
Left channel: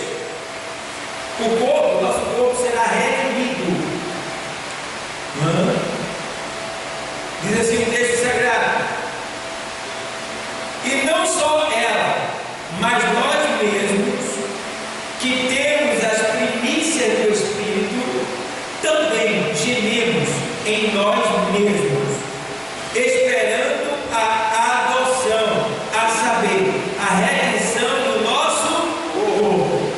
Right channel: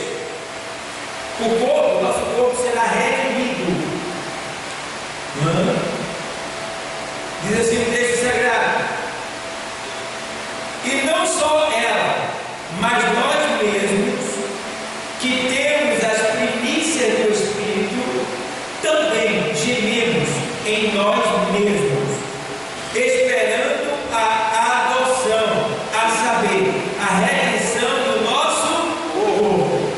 O corpo, nosso corpo será redimido. Diz assim o texto sagrado. E não só ela, mas nós mesmos, que temos as primícias do Espírito, também gememos em nós mesmos, esperando a adoção, a saber, a redenção do nosso corpo. O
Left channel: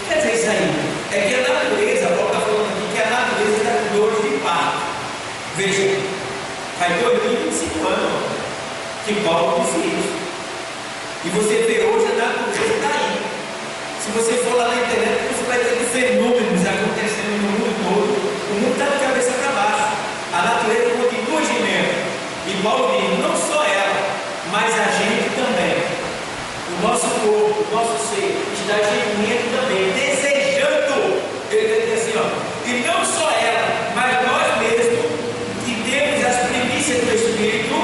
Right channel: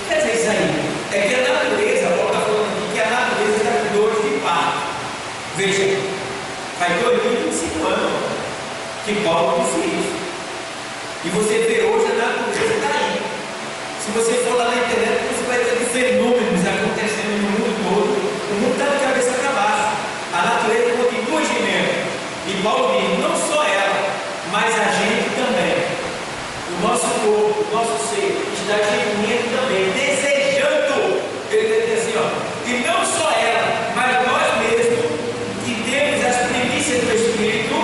que quer dizer isso aí? É que a natureza, Paulo está falando aqui, que a natureza está com dores de parto. Veja, faz 2025 anos que Paulo disse isso. E você vê hoje a natureza está aí. Se você for lá na internet, você vai ter fenômenos acontecendo no mundo todo. O mundo está de cabeça para baixo. A natureza continua gemendo. E Paulo diz, não só ela, mas a gente também. O nosso corpo, o nosso ser está gemendo também, desejando. Ele está dizendo assim, ó, e não só ela, mas nós mesmos, que temos as primícias do Espírito,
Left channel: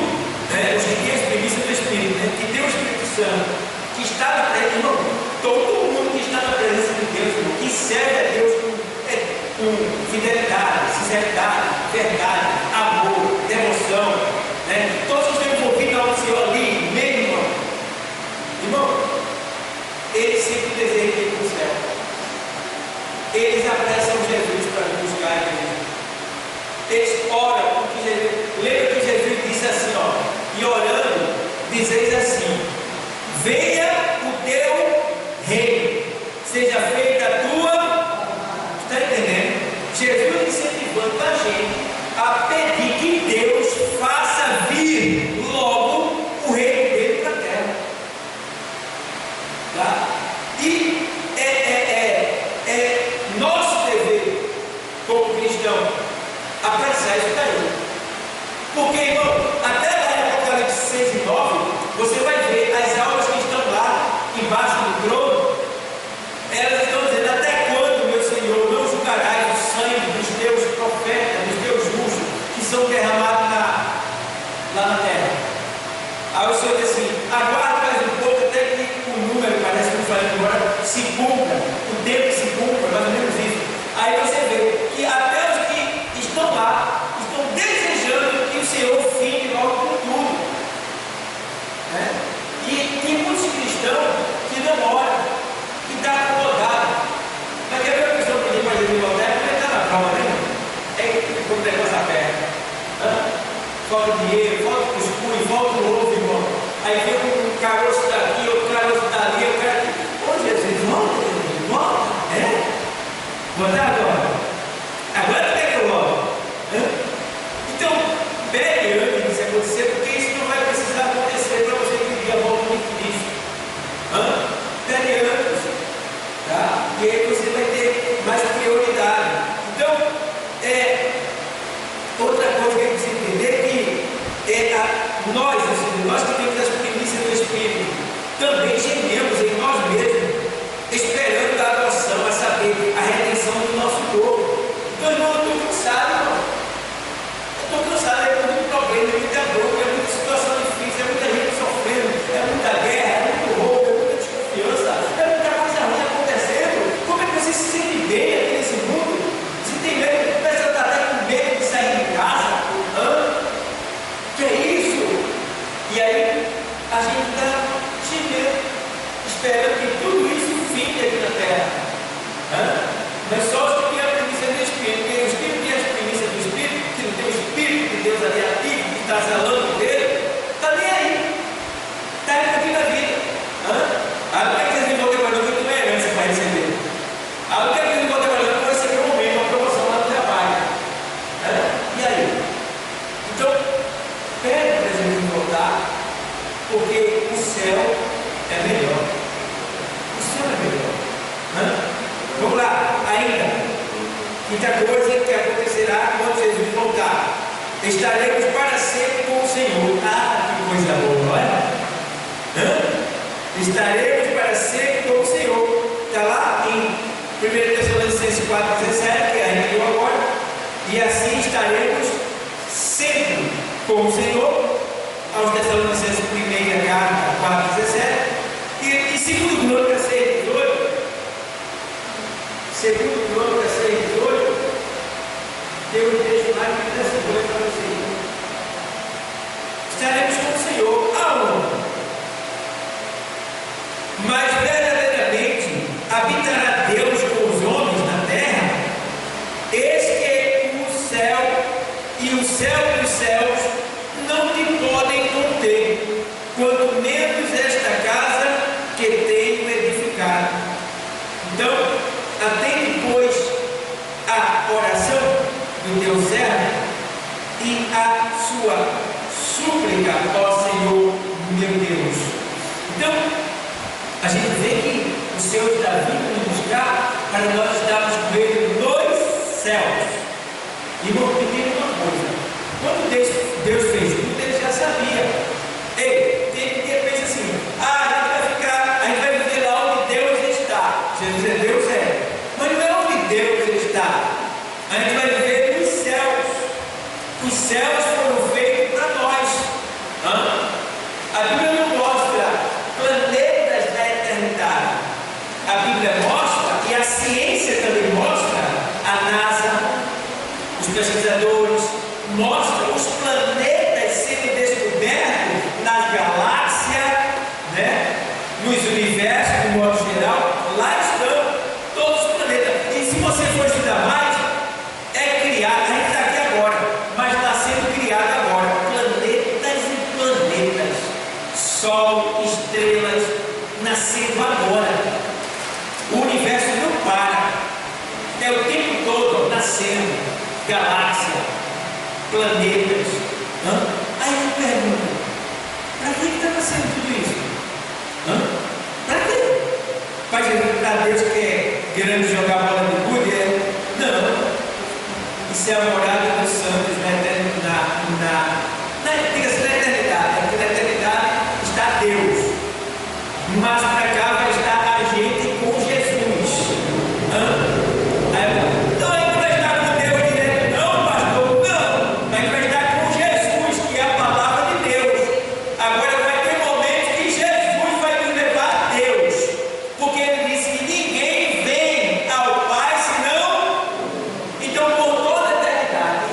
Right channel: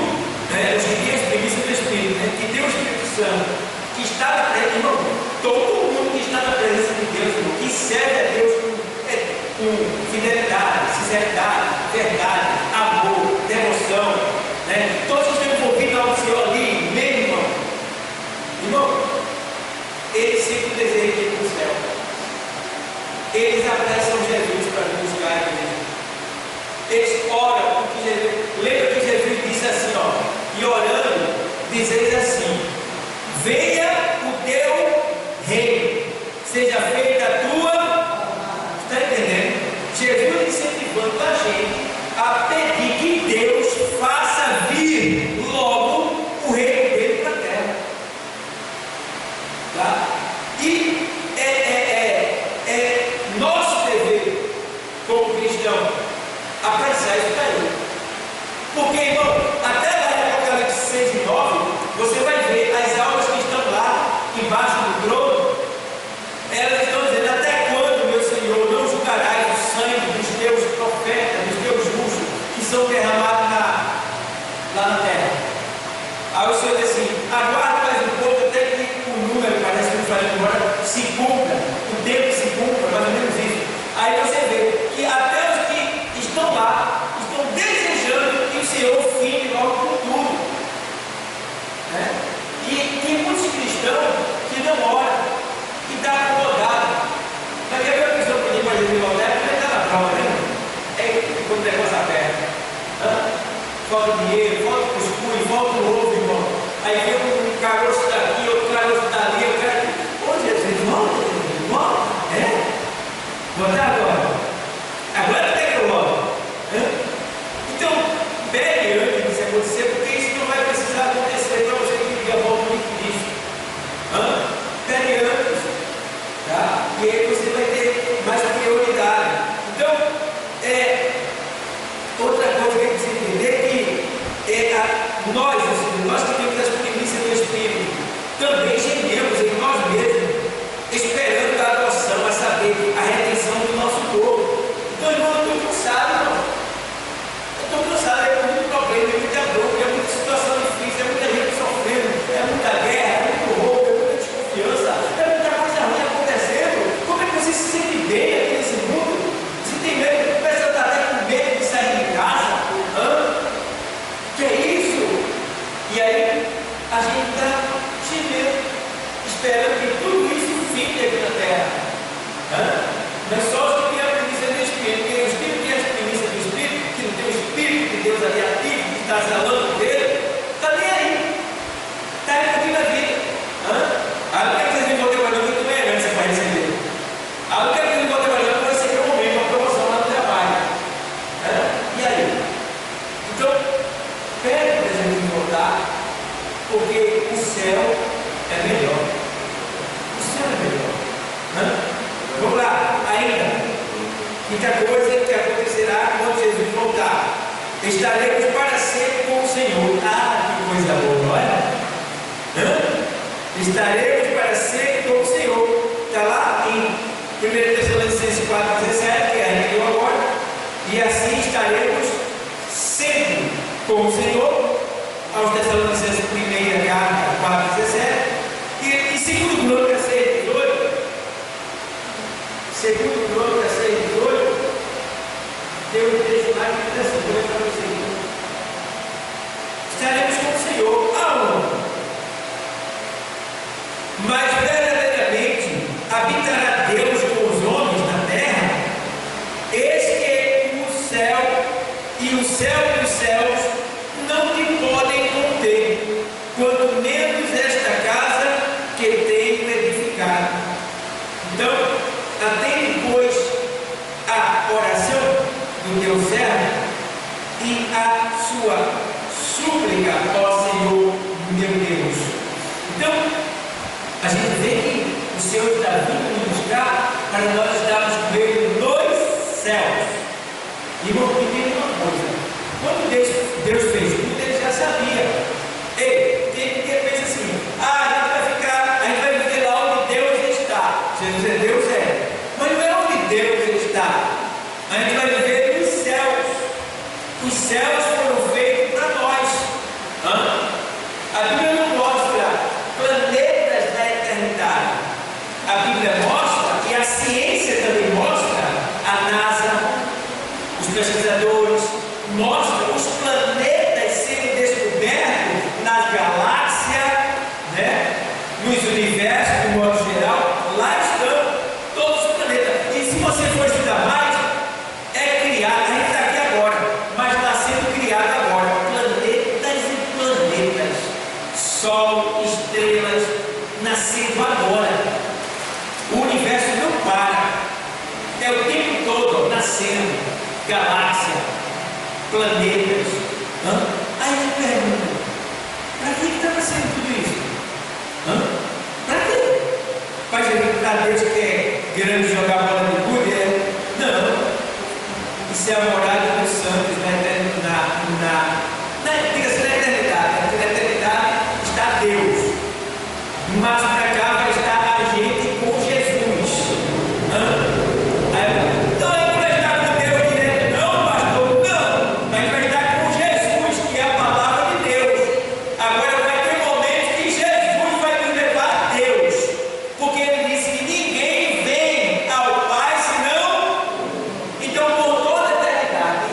né, os que têm as primícias do Espírito, né, que tem o Espírito Santo, que está na presença, irmão, todo mundo que está na presença de Deus, irmão, que serve a Deus com fidelidade, sinceridade, verdade, amor, devoção, né? Todos que estão envolvidos ao Senhor ali, mesmo, irmão. Irmão, eles sempre desejam ir para o céu. Eles apressam Jesus para vir buscar a igreja. Eles oram, porque Jesus, lembra que Jesus disse assim, ó, e orando, dizeis assim: venha o teu reino, seja feita a tua. Está entendendo? Jesus incentivando a gente a pedir que Deus faça vir logo o reino dele para a terra. Tá? E é nosso dever como cristão apressar isso daí. Porque, irmão, até lá em Apocalipse 6 e 9, você vai ver as almas que estão lá embaixo do trono. Elas estão dizendo: até quando, meu Senhor, não julgarás o sangue dos teus profetas, dos teus justos, que são derramados lá na terra? Aí o Senhor diz assim: aguarda mais um pouco até que o número, parece que eu falei agora, se cumpra, o tempo se cumpra, mais ou menos isso. Aí você vê que até os que estão lá estão desejando que o Senhor fine logo com tudo, né? E tem muitos cristãos que não oram, que estão acomodados. Mas quer ver a pessoa pedir para Jesus voltar? Como ele está na prova, né? É quando o negócio aperta. Falta dinheiro, falta cuscuz, falta o ovo, irmão. Aí vem um caroço daqui, outro caroço dali, eu quero que. Ô Jesus, volta, voltar agora. Agora tem que eu volto. Então, pegue antes disso acontecer, porque isso não vai precisar acontecer para você que vive a volta de Cristo. Pegue antes, tá? E aí você vai ter mais prioridade. Então, outra coisa que a gente precisa entender é que nós que temos as primícias do Espírito, também gememos em nós mesmos, esperando a adoção, a saber, a redenção do nosso corpo. Então, irmão, eu estou cansado, irmão. Eu estou cansado, é muito problema, é muita bronca, é muita situação difícil, é muita gente sofrendo, é muita guerra, é muito roubo, é muita desconfiança, é muita coisa ruim acontecendo. Como é que você se sente bem aqui nesse mundo? Se tem medo, começa a estar até com medo de sair de casa. Que é isso? E aí a gente está gemendo, esperando que tudo isso fique aqui na terra. Não é só os que têm a primícia do Espírito, porque os que não têm a primícia do Espírito, que não tem o Espírito de Deus ali ativo, que está zelando dele, está nem aí. Está curtindo a vida. Aí não quer que vocês me voltem para não, que eu tenho herança para receber. Aí não quer que vocês me voltem para não, que eu vou receber um momento, uma promoção lá no trabalho. E aí? Então, pede para Jesus voltar, porque o céu é melhor. quinta coisa que acontecerá quando Jesus voltar: estaremos para sempre com o Senhor. Ah, que coisa boa, não é? Estaremos para sempre com o Senhor. Está lá em 1 Tessalonicenses 4,17, que a gente leu agora. E assim estaremos sempre com o Senhor. Aos Tessalonicenses, 1 carta 4,17. E segundo Crônicas 6,18, segundo Crônicas 6,18, tem um texto mais que dessa coisa para vocês. Estaremos com o Senhor aonde? Mas verdadeiramente habitará Deus com os homens na terra. Eis que o céu e o céu dos céus não te podem conter, quanto menos esta casa que tenho edificado. Então, atende, pois, a oração do teu servo e a sua súplica, ó Senhor meu Deus. Então, a gente vê que o Senhor está vindo nos buscar para nós estarmos com Ele nos céus. E vou pedir uma coisa: quando Deus fez tudo, Ele já sabia. Ei, tem que pensar assim: a gente vai viver lá onde Deus está. Jesus é Deus, mas não é onde Deus está. A gente vai viver nos céus. Os céus foram feitos para nós. A Bíblia não mostra planetas da eternidade. A Bíblia mostra, e a ciência também mostra, a NASA, os pesquisadores mostram os planetas sendo descobertos nas galáxias, né? Nos universos, de modo geral. Lá estão todos os planetas. E se você for estudar mais, é criado, a gente está aqui agora, mas está sendo criado agora planetas e planetas, Sol, estrelas, nascendo agora. O universo não para, é o tempo todo nascendo, galáxia, planetas. Aí eu pergunto: para que está nascendo tudo isso? Para quê? Para Deus que é grande jogar bola de gude? Não. Isso é a morada dos santos diga-se, na eternidade. Porque na eternidade está Deus, mas para cá vai estar a gente com Jesus. Então a gente vai estar com Deus direto? Não, pastor, não. A gente vai estar com Jesus, que é a palavra de Deus. Agora vai ter momentos que Jesus vai nos levar a Deus, porque Ele disse que ninguém vem ao Pai senão. Então, por toda a eternidade,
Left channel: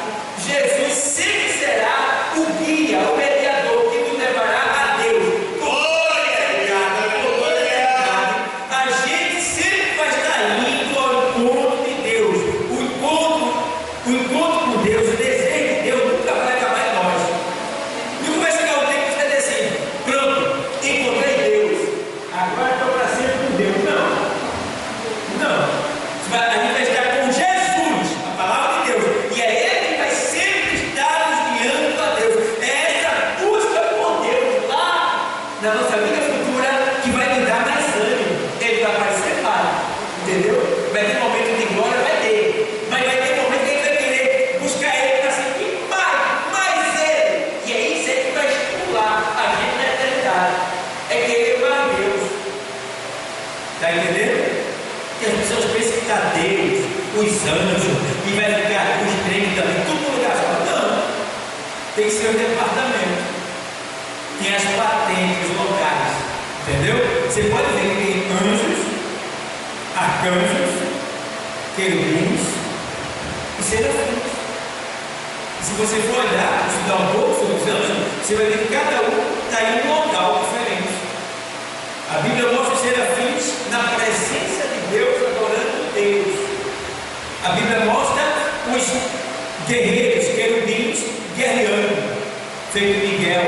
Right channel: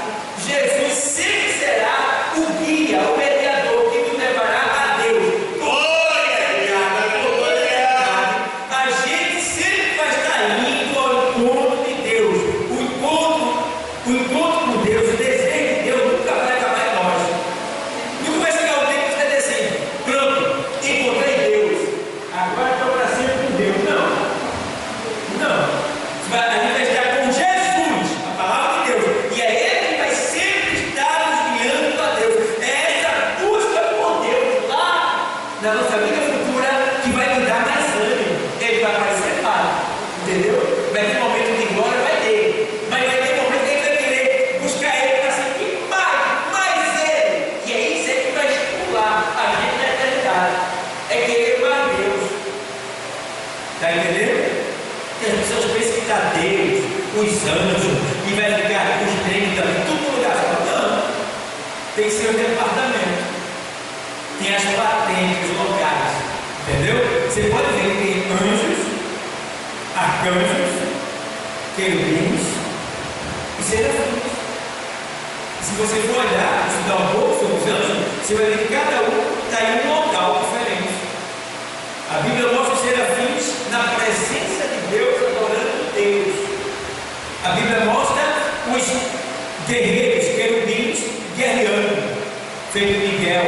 Jesus sempre será o guia, o mediador que nos levará a Deus. A gente sempre vai estar indo ao encontro de Deus. O encontro com Deus, o desejo de Deus nunca vai acabar em nós. Nunca vai chegar o tempo que você vai dizer assim: pronto, encontrei Deus, agora estou para sempre com Deus. Não. A gente vai estar com Jesus, a palavra de Deus, e é Ele que vai sempre estar nos guiando a Deus. É essa busca por Deus lá na nossa vida futura que vai nos dar mais ânimo. Ele vai aparecer lá, entendeu? Vai ter momento de glória, vai ter, mas vai ter momento que a gente vai querer buscar Ele para sentir mais Ele, e é isso aí que vai estimular a gente na eternidade, é querer mais Deus. Está entendendo? Que as pessoas pensam que está Deus, os anjos, e vai ficar os trens também, tudo no lugar só. Não, tem seu departamento, tem as patentes locais, entendeu? Você pode ver que tem anjos, arcanjos, querubins e serafins. E se você for olhar, estudar um pouco sobre os anjos, você vai ver que cada um está em um local diferente. A Bíblia mostra os serafins na presença de Deus, adorando Deus. A Bíblia mostra os guerreiros, querubins, guerreando, feito Miguel,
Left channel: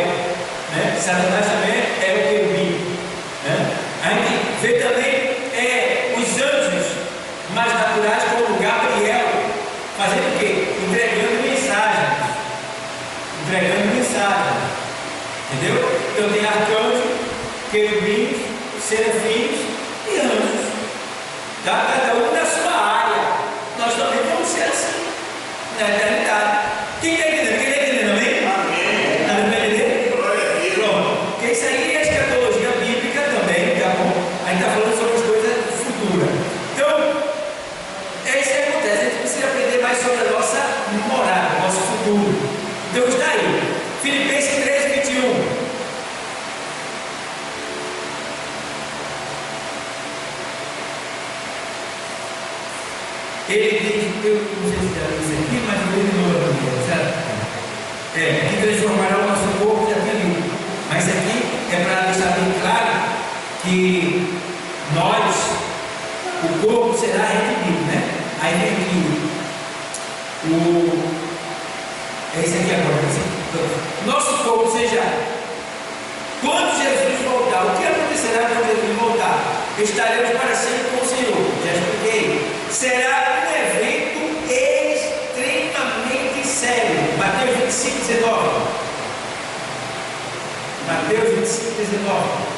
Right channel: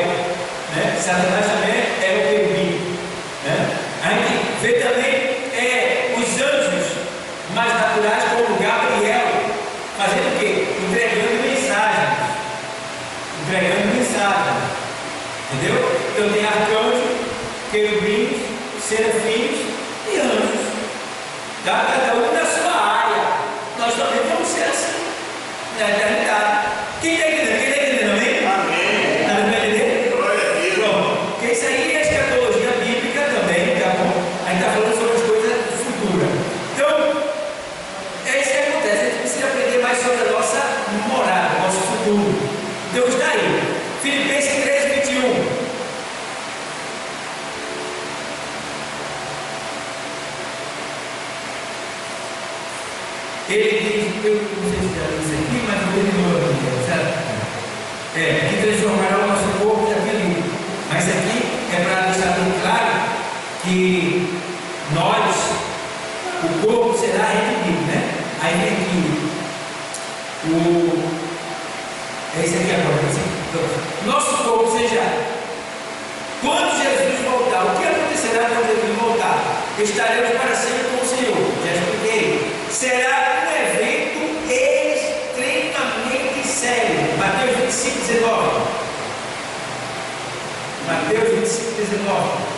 né? Satanás também é o querubim, né? A gente vê também os anjos mais naturais, como Gabriel, fazendo o quê? Entregando mensagem, entendeu? Então tem arcanjo, querubins, serafins e anjos, tá? Cada um na sua área. Nós também vamos ser assim. na eternidade. Quem está entendendo? Quem está entendendo? Amém? Amém. Nada para entender? Glória a Deus. Pronto. Porque isso aí é escatologia bíblica também, tá bom? A gente está falando sobre as coisas futuras. Então, é isso que acontece. A gente precisa aprender mais sobre a nossa morada, nosso futuro. Então está aí. Filipenses 3:21. Ele diz, eu não sei se já li isso aqui, mas ele não aqui, certo? Que transformará o nosso corpo, já tinha lido. Mas isso aqui é para deixar bem claro que nós, o corpo será redimido, né? Aí vem aqui é isso aqui agora. Nosso corpo seja, quando Jesus voltar, o que acontecerá quando Jesus voltar? Estaremos para sempre com o Senhor. Já expliquei. Será um evento extremamente sério. Mateus 25:19. Mateus 25:19.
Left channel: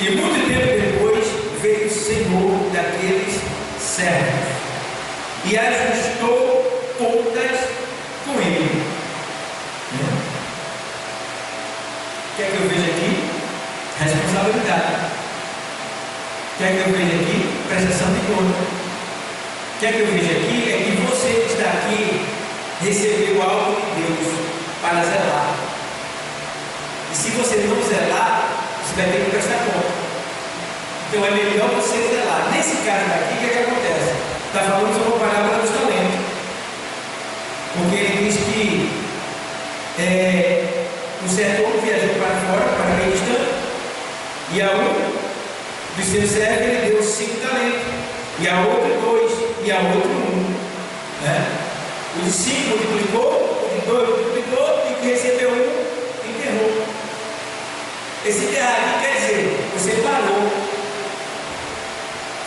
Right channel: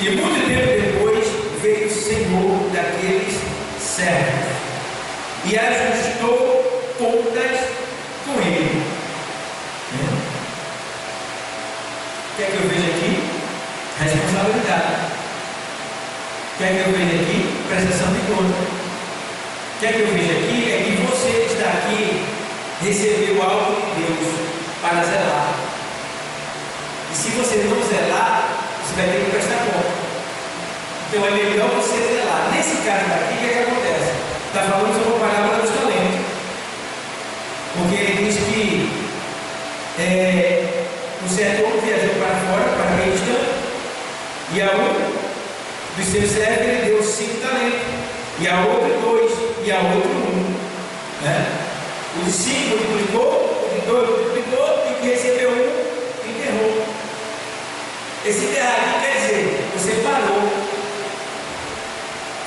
E muito tempo depois veio o Senhor daqueles servos e ajustou contas com ele. O que é que eu vejo aqui? Responsabilidade. O que é que eu vejo aqui? Prestação de conta. O que é que eu vejo aqui? É que você que está aqui recebeu algo de Deus para zelar. E se você não zelar, você vai ter que prestar conta. Então é melhor você zelar. Nesse caso daqui, o que é que acontece? Está falando sobre a parábola dos talentos. Porque ele diz que o servo viajou para fora, para meio distante, e a um dos seus servos ele deu 5 talentos, e a outro 2, e a outro 1. O de 5 multiplicou, o de 2 multiplicou, e o que recebeu 1 enterrou. Esse enterrar aqui quer dizer, você parou.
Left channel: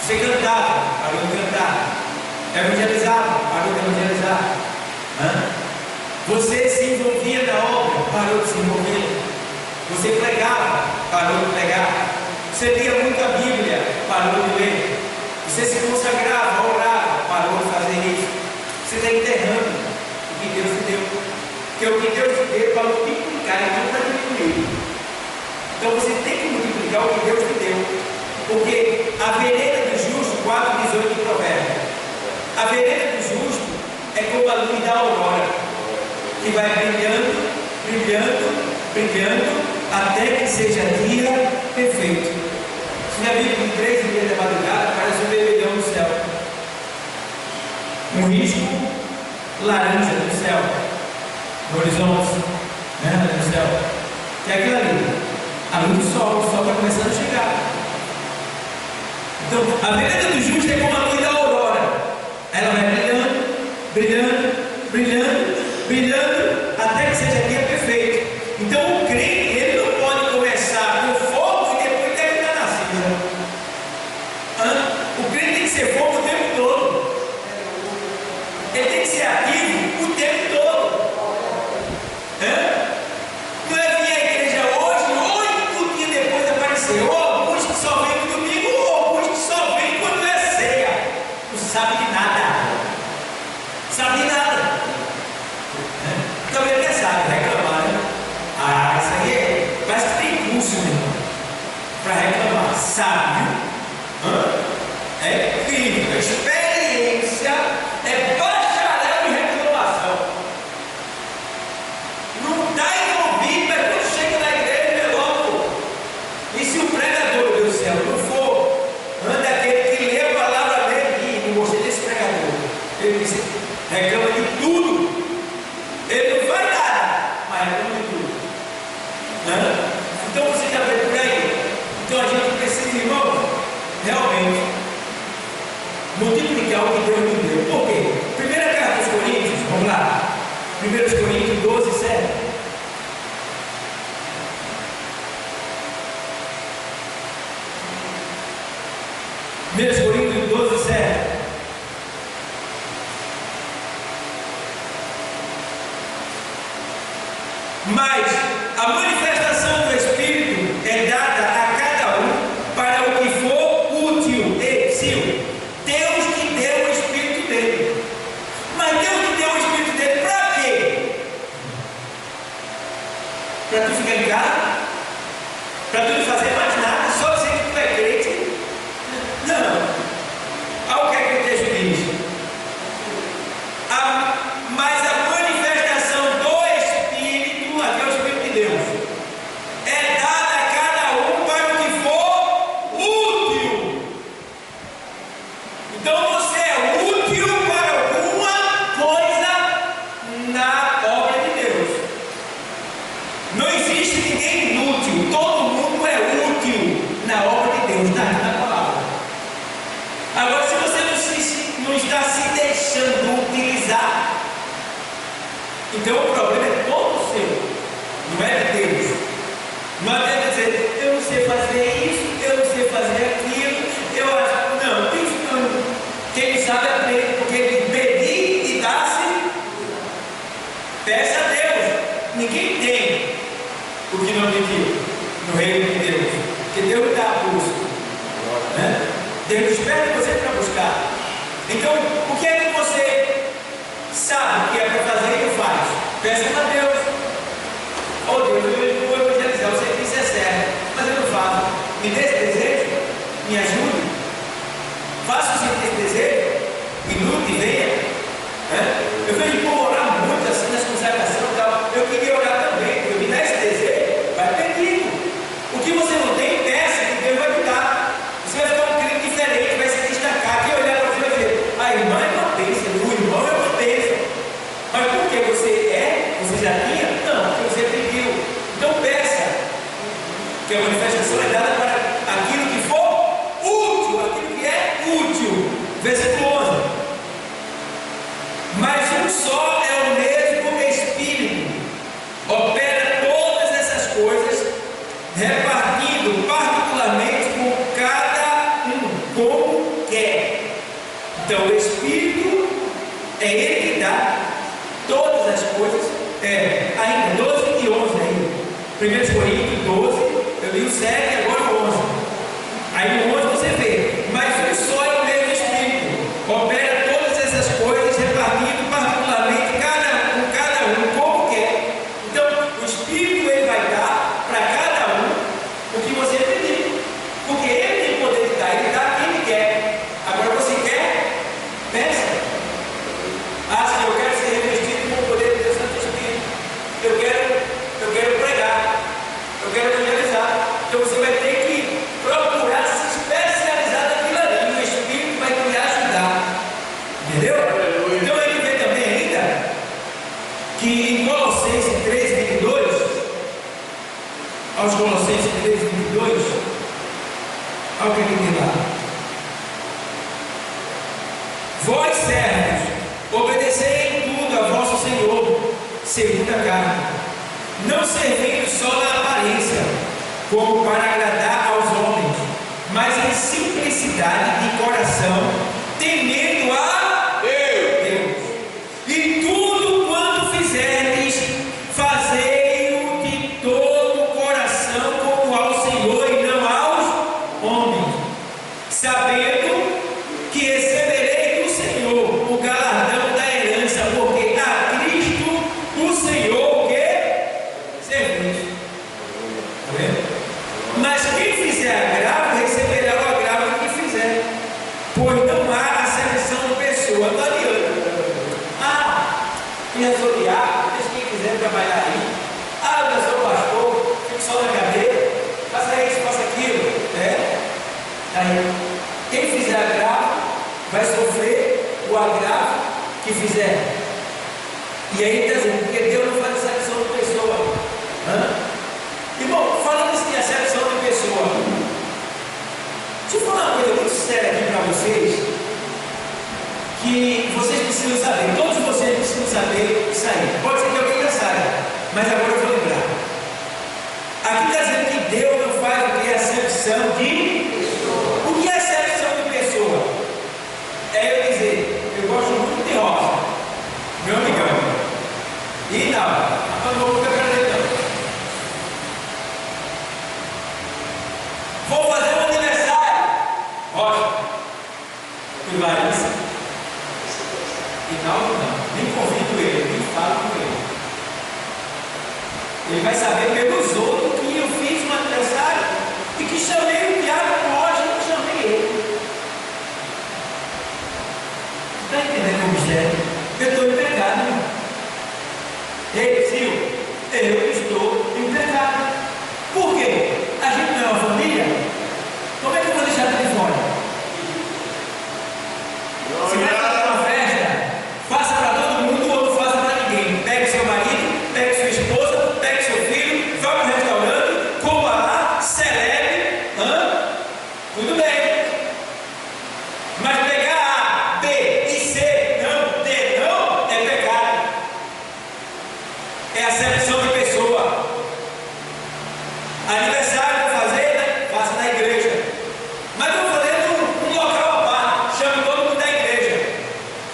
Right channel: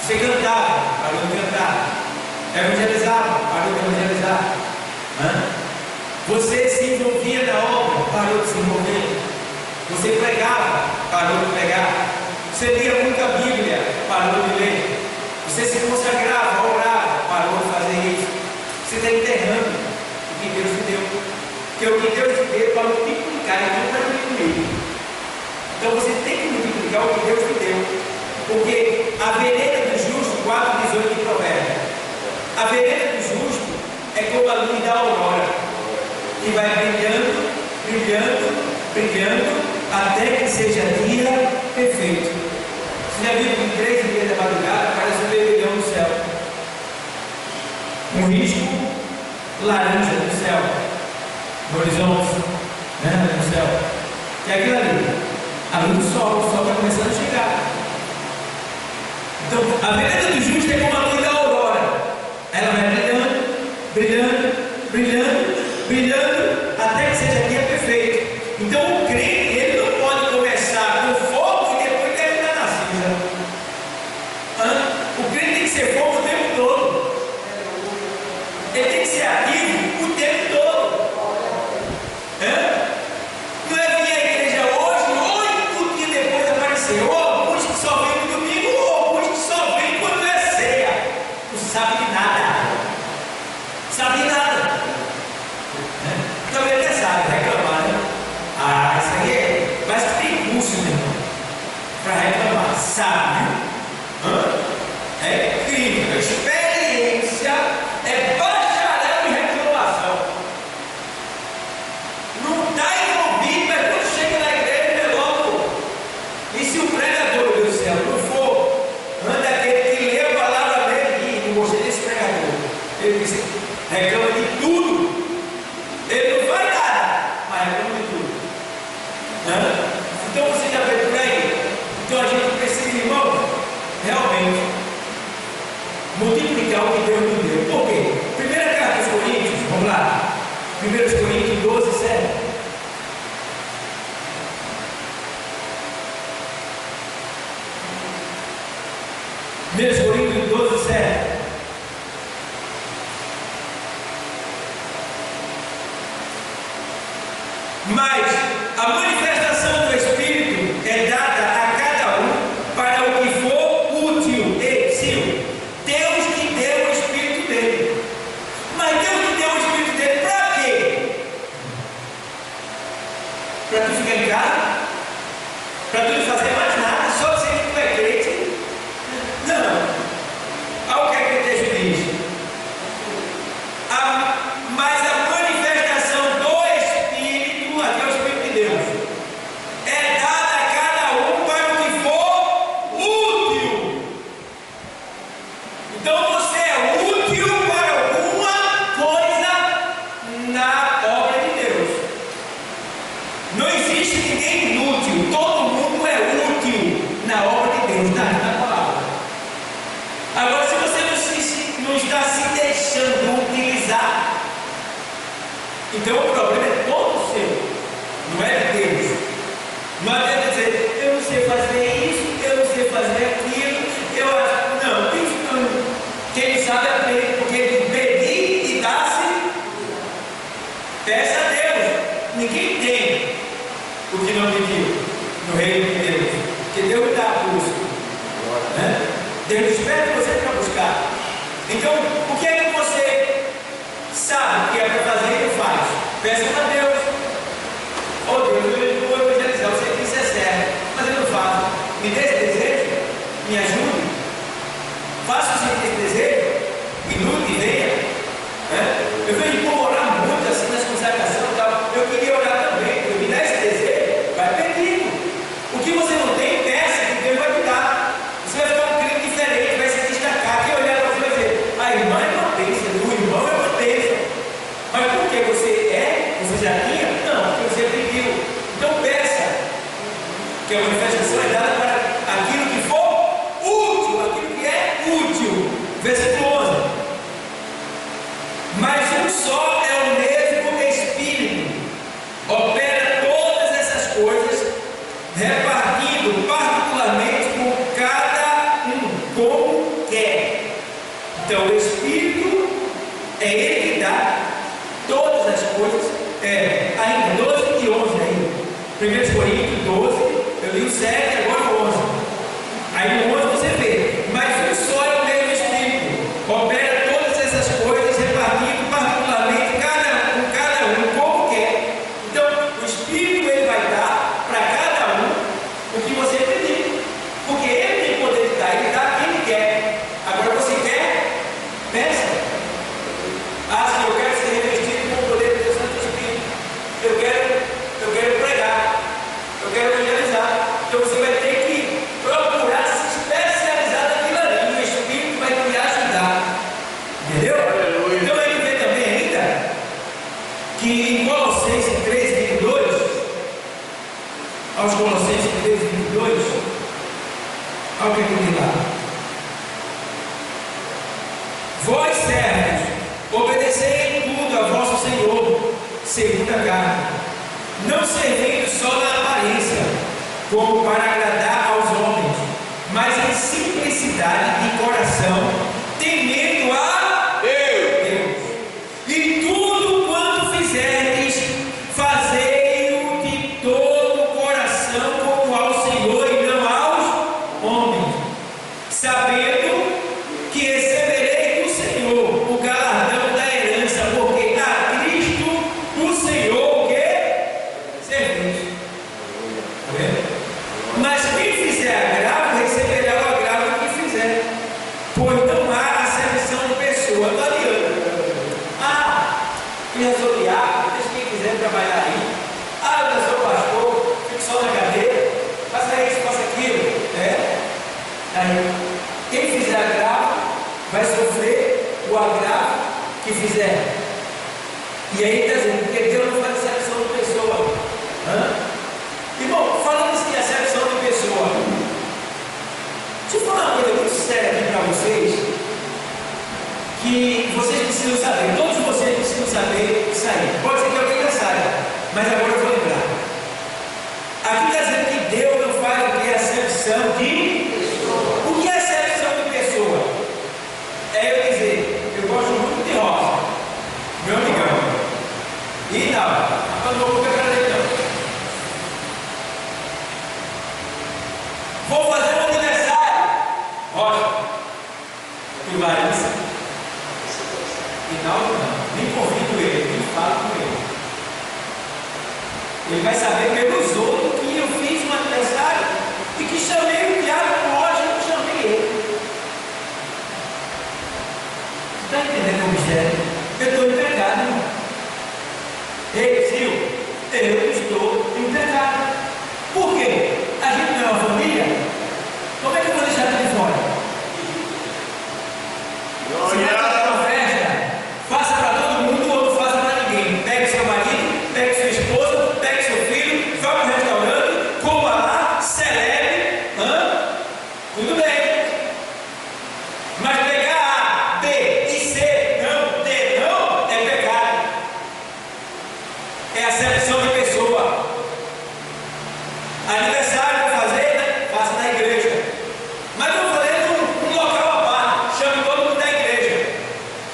Você cantava, parou de cantar. Evangelizava, parou de evangelizar. Você se envolvia na obra, parou de se envolver. Você pregava, parou de pregar. Você lia muita Bíblia, parou de ler. Você se consagrava, orava, parou de fazer isso. Você está enterrando o que Deus te deu. Porque o que Deus te deu é para multiplicar e não para diminuir. Então você tem que multiplicar o que Deus te deu. Porque a vereda do justo, 4:18 de Provérbios, a vereda do justo é como a luz da aurora, que vai brilhando, brilhando, brilhando, até que seja dia perfeito. Você já viu que em 3 da madrugada parece um vermelhão no céu, um risco laranja no céu, no horizonte, no céu, que é aquilo ali, a luz do sol, o sol está começando a chegar. Então, a vereda do justo é como a luz da aurora. Ela vai brilhando, brilhando, brilhando, brilhando, até que seja dia perfeito. Então, o crente, ele não pode começar com fogo e depois terminar na cinza. O crente tem que ser fogo o tempo todo. Ele tem que ser ativo o tempo todo. Não é vir à igreja hoje, 8 dias depois aparecer. Ou alguns que só vêm no domingo, ou alguns que só vêm quando é ceia. Não sabe de nada. Sabe de nada. Então ele até sabe reclamar, né? Isso aí parece que tem curso, meu irmão, para reclamar. Sabe? É incrível. Experiência é bacharel em reclamação. Não está envolvido, mas quando chega na igreja é logo. E se o pregador, meu Deus do céu, não for aquele que lê a palavra dele, e não gostei desse pregador, ele disse, reclama de tudo. Ele não vai nada, mas reclama de tudo. Então você já vê por aí. Então a gente precisa, irmão, realmente multiplicar o que Deus nos deu. Por quê? Primeira carta aos Coríntios, vamos lá. 1 Coríntios 12:7. Coríntios 12:7. Mas a manifestação do Espírito é dada a cada um para o que for útil. Deus que deu o Espírito dele. Mas Deus que deu o Espírito dele para quê? Para tu ficar em casa? Para tu não fazer mais nada? Só dizer que tu é crente? Não. Olha o que é que o texto diz. Mas a manifestação do Espírito, aqui é o Espírito de Deus, é dada a cada um para o que for útil. Então você é útil para alguma coisa na obra de Deus. Não existe ninguém inútil, todo mundo é útil na obra de Deus, na palavra. Agora, se você não está se deixando utilizar, então o problema é todo seu, não é de Deus. Não adianta dizer, eu não sei fazer isso, eu não sei fazer aquilo, eu acho. Não, isso quem sabe aprende, porque pedir e dar-se, peça a Deus. Ninguém tem o que não pediu no reino de Deus, porque Deus dá a busca, né? Deus espera você para buscar. Então, o que é que você sabe que é para fazer e não faz? Peça a Deus. Oh Deus, eu vou evangelizar, eu sei que isso é certo, mas eu não faço. Me dê esse desejo, me ajude. Faça o seu desejo e lute e venha. Eu vejo o povo orar muito assim nas consagrações e tal. Eu queria orar também, porque me dá esse desejo, vai pedindo. O que você não tem, peça, que Deus vai te dar. Você vai ficar um crente diferente, vai se destacar. Quem olhar para você vai dizer, a irmã é uma bênção, o irmão é uma bênção. Mas por que você já tinha? Não, porque você pediu. Então peça, que a manifestação é dada para aquilo que for útil, aquilo que é útil. Versículo 11. Mas um só é o mesmo Espírito, opera todas essas coisas, repartindo particularmente com cada um, como quer. Então o Espírito é Ele que dá todas as coisas. Ainda 12 e 11 ainda. 1 Coríntios 12, eu li o 7, agora o 11. Aí no 11 você vê, mas um só é o mesmo Espírito, opera todas essas coisas, repartindo particularmente com cada um, como quer. Então o Espírito ele vai dar para cada um o que você pedir, porque ele tem poder de dar, ele dá a quem ele quer. Agora você quer? Peça. Se eu quero ser revestido com o poder do Santo Espírito, eu quero pregar, eu quero evangelizar. Então você vai ter que procurar se especializar naquilo ali. O Espírito vai te ajudar. Entendeu? Então ele vê também ainda que em Colossenses 3, 22, aos Colossenses 3, 22, olha o que tem lá. Vós servos, obedecei em tudo a vosso Senhor, segundo a carne, não servindo só na aparência, como para agradar aos homens, mas em simplicidade de coração, temendo a Deus. E tudo quanto fizerdes, fazei-o de todo o coração, como ao Senhor e não aos homens, sabendo que receberei do Senhor o galardão da herança, porque a Cristo o Senhor o que? Servis. Está vendo? Mas quem fizer agravo, receberá o agravo que fizer, pois não há acepção de pessoa. Não adianta. Quem sou diabo, deixa quem quiser trabalhar aí. Eu sou pastor, fico só na cadeira, faça isso, faça aquilo. Aí, quem fizer agravo vai sofrer o agravo que fizer. E aí está dizendo, porque Deus não faz acepção de pessoa. Irmão, falando assim, acepção de pessoa, deixa eu falar uma coisa muito séria aqui para vocês, que vocês precisam saber, todos vocês precisam saber isso aí. Pode ser que alguém já saiba, mas agora eu vou lembrar. Aqui está dizendo que Deus não faz o que é acepção de pessoa. O que é acepção de pessoa? É eu dizer, eu gosto muito de rosa, meu amigão. E não, eu não vou ficar acreditando. áudio não, nem convido ele, nem falo com ele. Ele vai saber pelos outros que eu fiz um aniversário e que chamei o Tiago hoje e não chamei ele. Está entendendo o mistério? Eu estou em pecado, irmão. Ei, Silvio, eu estou em pecado. Por quê? A gente não é uma família? Como é que eu vou deixar ele fora? Se vai fazer uma festa, faça para todo mundo ou não faça para ninguém. Pegue seu marido, pegue sua esposa, pegue seu filho, vá para o restaurante, coma lá, celebre, tudo bem. Mas pegar A, B e C, não, D, não, é pecado. É acepção de pessoa. Aniversário para fazer, né? Faça na igreja. Mas vou fazer num local à parte, chame todo mundo da igreja.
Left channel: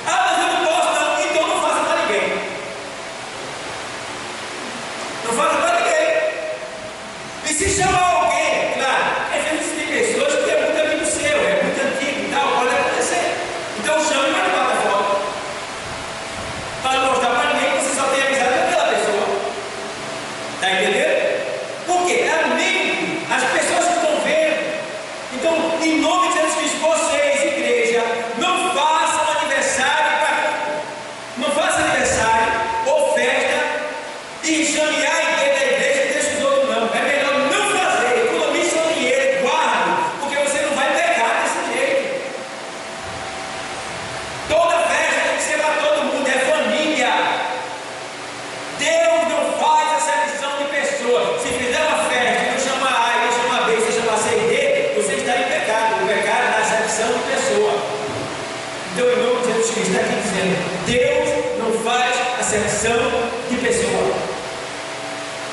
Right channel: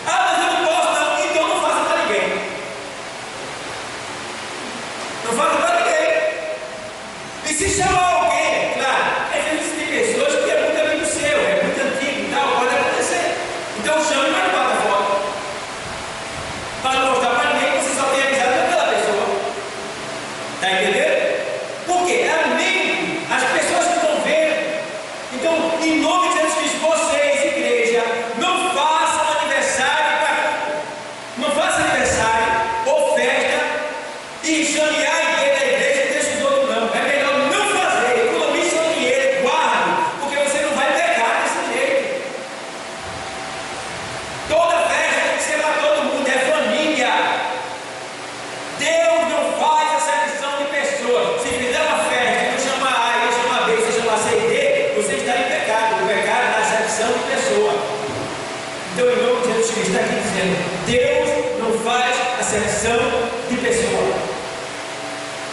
Ah, mas eu não posso não, então não faça para ninguém. Não faça para ninguém. E se chamar alguém, claro, às vezes tem pessoas que é muito amigo seu, é muito antigo e tal, pode acontecer. Então chame, mas não bata fora. Para não mostrar para ninguém que você só tem amizade com aquela pessoa. Está entendendo? Por quê? É amigo, as pessoas que estão vendo. Então, em nome de Jesus Cristo, vocês, igreja, não façam aniversário ou festa e chame a igreja da igreja e deixe os outros não. É melhor não fazer, economize seu dinheiro, guarde, porque você não vai pecar desse jeito. Toda festa tem que ser para todo mundo, é família. Deus não faz acepção de pessoas. Se fizer uma festa e não chamar A e não chamar B, se chamar C e D, você está em pecado. O pecado é a acepção de pessoa. Então, em nome de Jesus Cristo, está aqui dizendo: Deus não faz acepção de pessoa.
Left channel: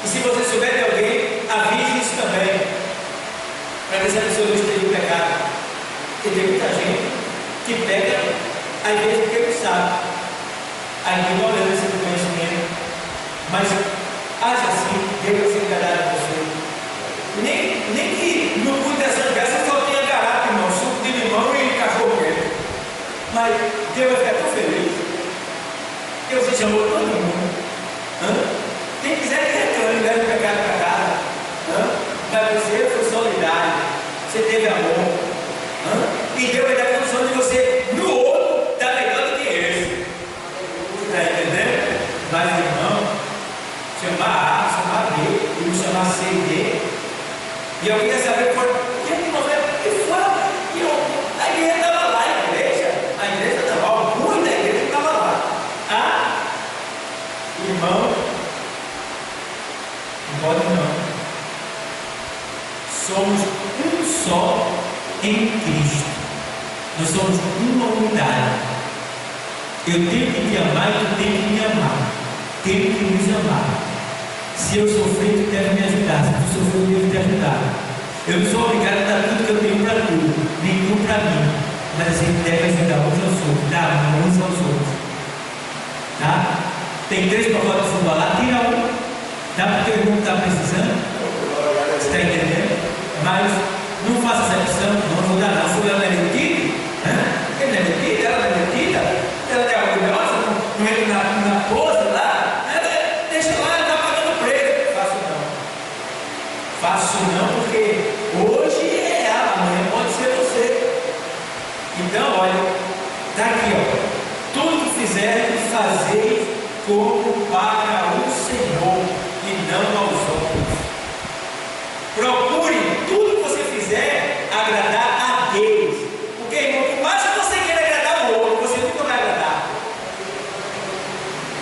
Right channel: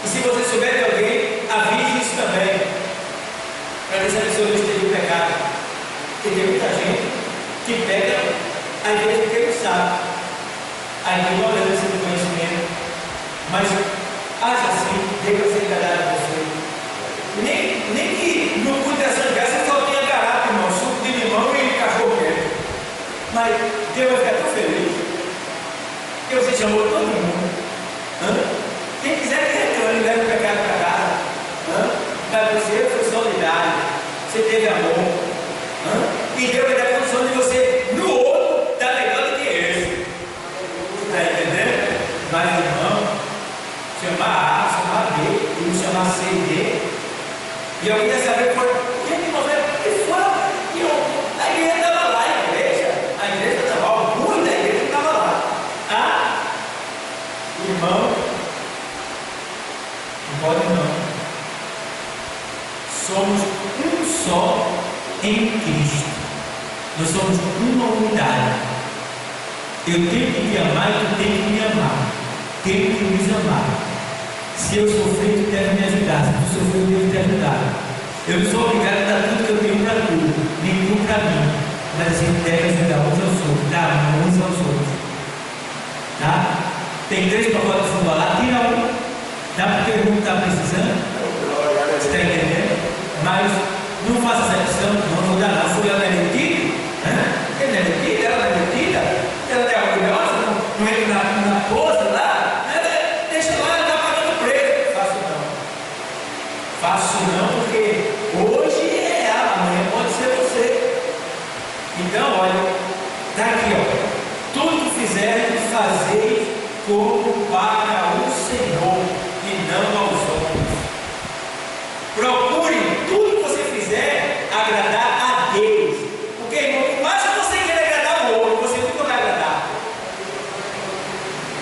E se você souber de alguém, avise isso também, para ver se a pessoa não esteja em pecado. Porque tem muita gente que pega, às vezes, porque não sabe, a ignorância do conhecimento. Mas haja assim, Deus vai ser enganado a você. Nem que no culto dessa graça só tenha garapa, irmão, suco de limão e cachorro quente. Mas Deus vai ficar tão feliz. Deus se chamou todo mundo. Quem quiser que reclame, leve o pecado para casa. Mas você foi solidário, você teve amor. E Deus vai dar condição de você no outro dar melhor do que esse. Está entendendo? Mas irmão, chamar A, chamar B, e não chamar C e D. E eu queria saber por que ele não veio. E fora, a igreja estava lá, a igreja estava lá, o ruim da igreja estava lá. Irmão, não pode não. Somos um só em Cristo. Nós somos uma unidade. Eu tenho que te amar e tu tem que me amar. Tenho que nos amar. Se eu sofrer, tu deve me ajudar. Se tu sofrer, eu devo te ajudar. Eu não sou obrigado a dar tudo que eu tenho para tu, nem tu para mim. Mas a gente deve ajudar uns aos outros, dar uns aos outros. Tá? Tem 3 pacotes de fubá lá, tira um. Dá para o teu irmão que está precisando. Você está entendendo? Mas não faça essa questão, não vou dar não. Fui ela não é metida? Ele não é metida? Ela não é metida? Ela não é orgulhosa? Não entra na pose lá? Deixa lá, ela está pagando preço. Faço não, porque hoje é ela, amanhã pode ser você. Então, olha, está aqui, ó. Tudo que fizerem, fazeis como para o Senhor e não aos homens. Procure tudo que você fizer agradar a Deus. Porque, irmão, por mais que você queira agradar o outro, você nunca vai agradar.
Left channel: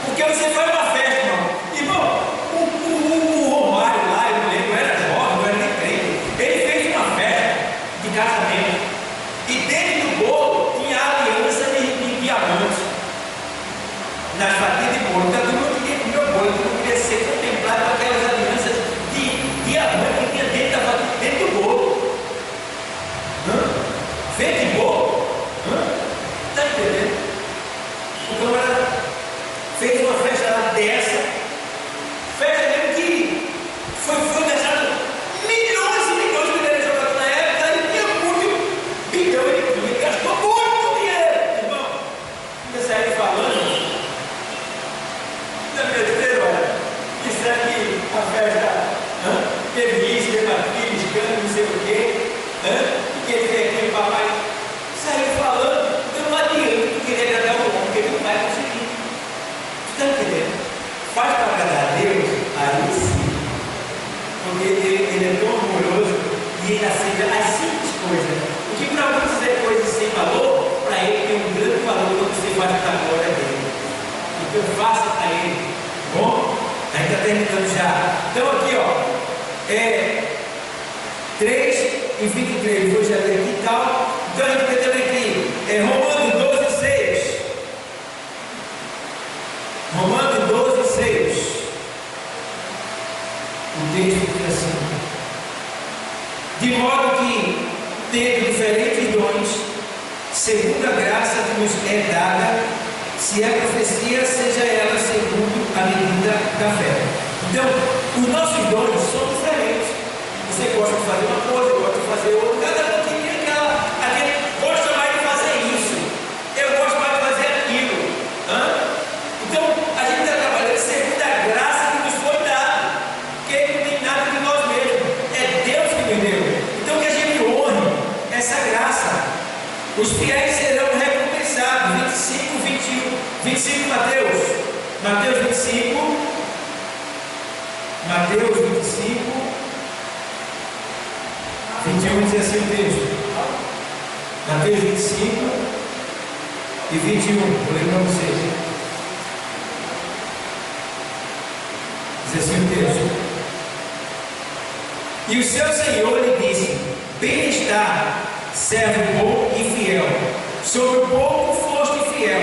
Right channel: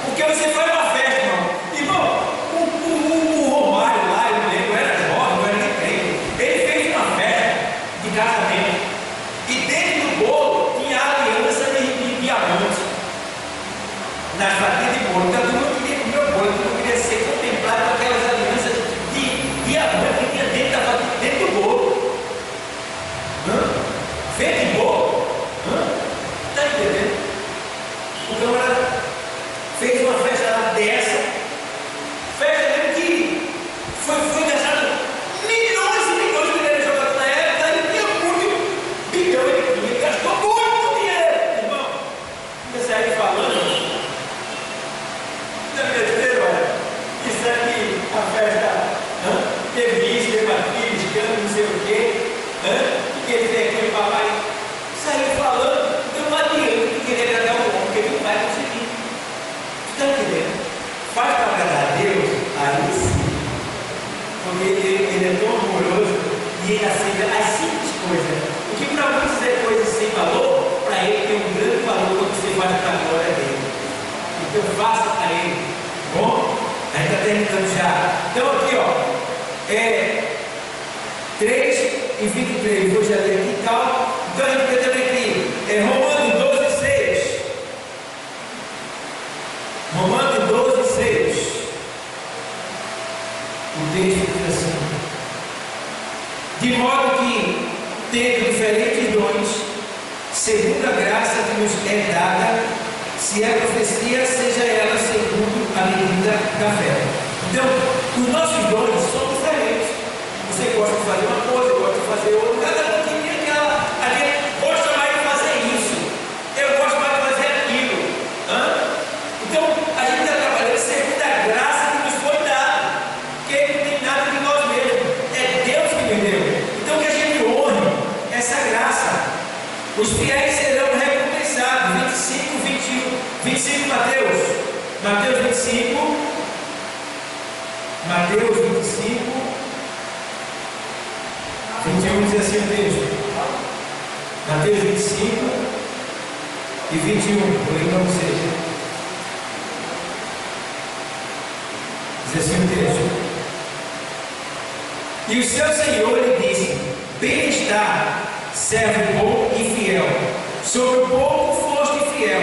Porque você faz uma festa, irmão. Irmão, o Romário lá, eu não lembro, era jovem, não era nem crente. Ele fez uma festa de casamento. E dentro do bolo tinha aliança de diamante. Nas fatias de bolo. Então, eu não queria comer o bolo, eu não queria ser contemplado com aquelas alianças de diamante que tinha dentro da fatia, dentro do bolo. Feito de bolo? Está entendendo? O camarada fez uma festa lá dessa, festa mesmo que foi gastado milhões e milhões de dinheiro jogado na época, e tinha muito bilhão, ele gastou muito dinheiro, irmão. Você aí falando. dizer acerca das simples coisas. O que para muitos é coisa sem valor, para ele tem um grande valor quando você faz para a glória dele. Então faça para ele. Bom, a gente está terminando já. Então aqui, ó. 3:23, vou já ler aqui e tal. Então a gente vai também aqui, Romanos 12:6. Romanos 12:6. O texto diz assim: de modo que, tendo diferentes dons, segundo a graça que nos é dada, se é profecia, seja ela segundo a medida da fé. Então, os nossos dons são diferentes. Você gosta de fazer uma coisa, gosta de fazer outra. Cada um tem aquele gosta mais de fazer isso. Eu gosto mais de fazer aquilo. Então, a gente está trabalhando segundo a graça que nos foi dada. Porque não tem nada de nós mesmos. É Deus que me deu. Então, que a gente honre essa graça. Os fiéis serão recompensados. 25, Mateus 25. Mateus 25, 21 diz assim o texto. Mateus 25 e 21, vou ler para vocês. Diz assim o texto: e o seu Senhor lhe disse: bem está, servo bom e fiel. Sobre o pouco foste fiel,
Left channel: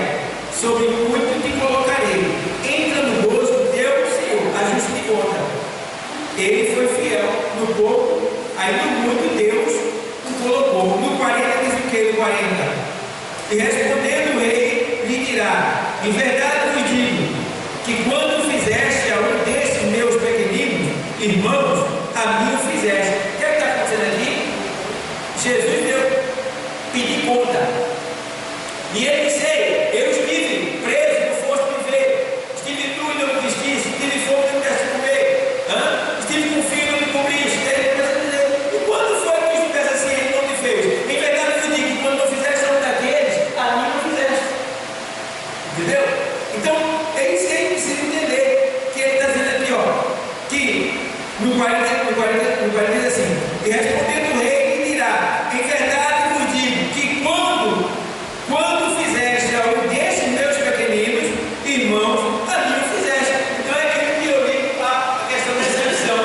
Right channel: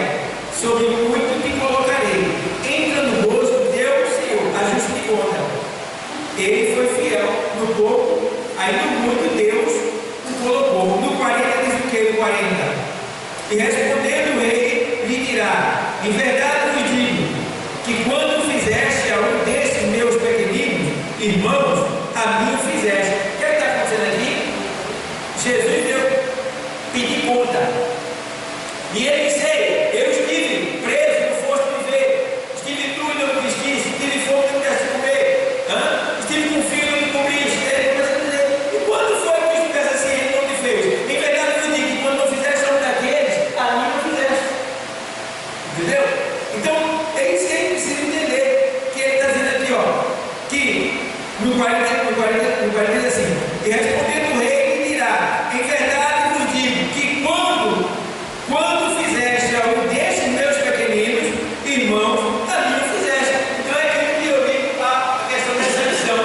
sobre o muito te colocarei. Entra no gozo do teu Senhor, ajuste de conta. Ele foi fiel no pouco, aí no muito Deus o colocou. No 40 diz o que? No 40. E respondendo o rei, lhe dirá: em verdade vos digo, que quando fizeste a um desses meus pequeninos irmãos, a mim o fizeste. O que é que está acontecendo aqui? Jesus deu pedir conta. E ele disse: eu estive preso, não foste me ver. Estive nu e não me vestiste. Estive fome e não quiseste comer. Estive com frio e não me cobriste. E quando foi que estivesse assim, ele não te fez? Em verdade eu digo que quando não fizeste a um daqueles, a mim não fizeste. Entendeu? Então, é isso que a gente precisa entender. Que ele está dizendo aqui, ó, que no 40 diz assim: e respondendo o rei, lhe dirá: em verdade vos digo que quando fizeste a um destes meus pequeninos irmãos, a mim o fizeste. Então é aquilo que eu digo, a questão dessa missão.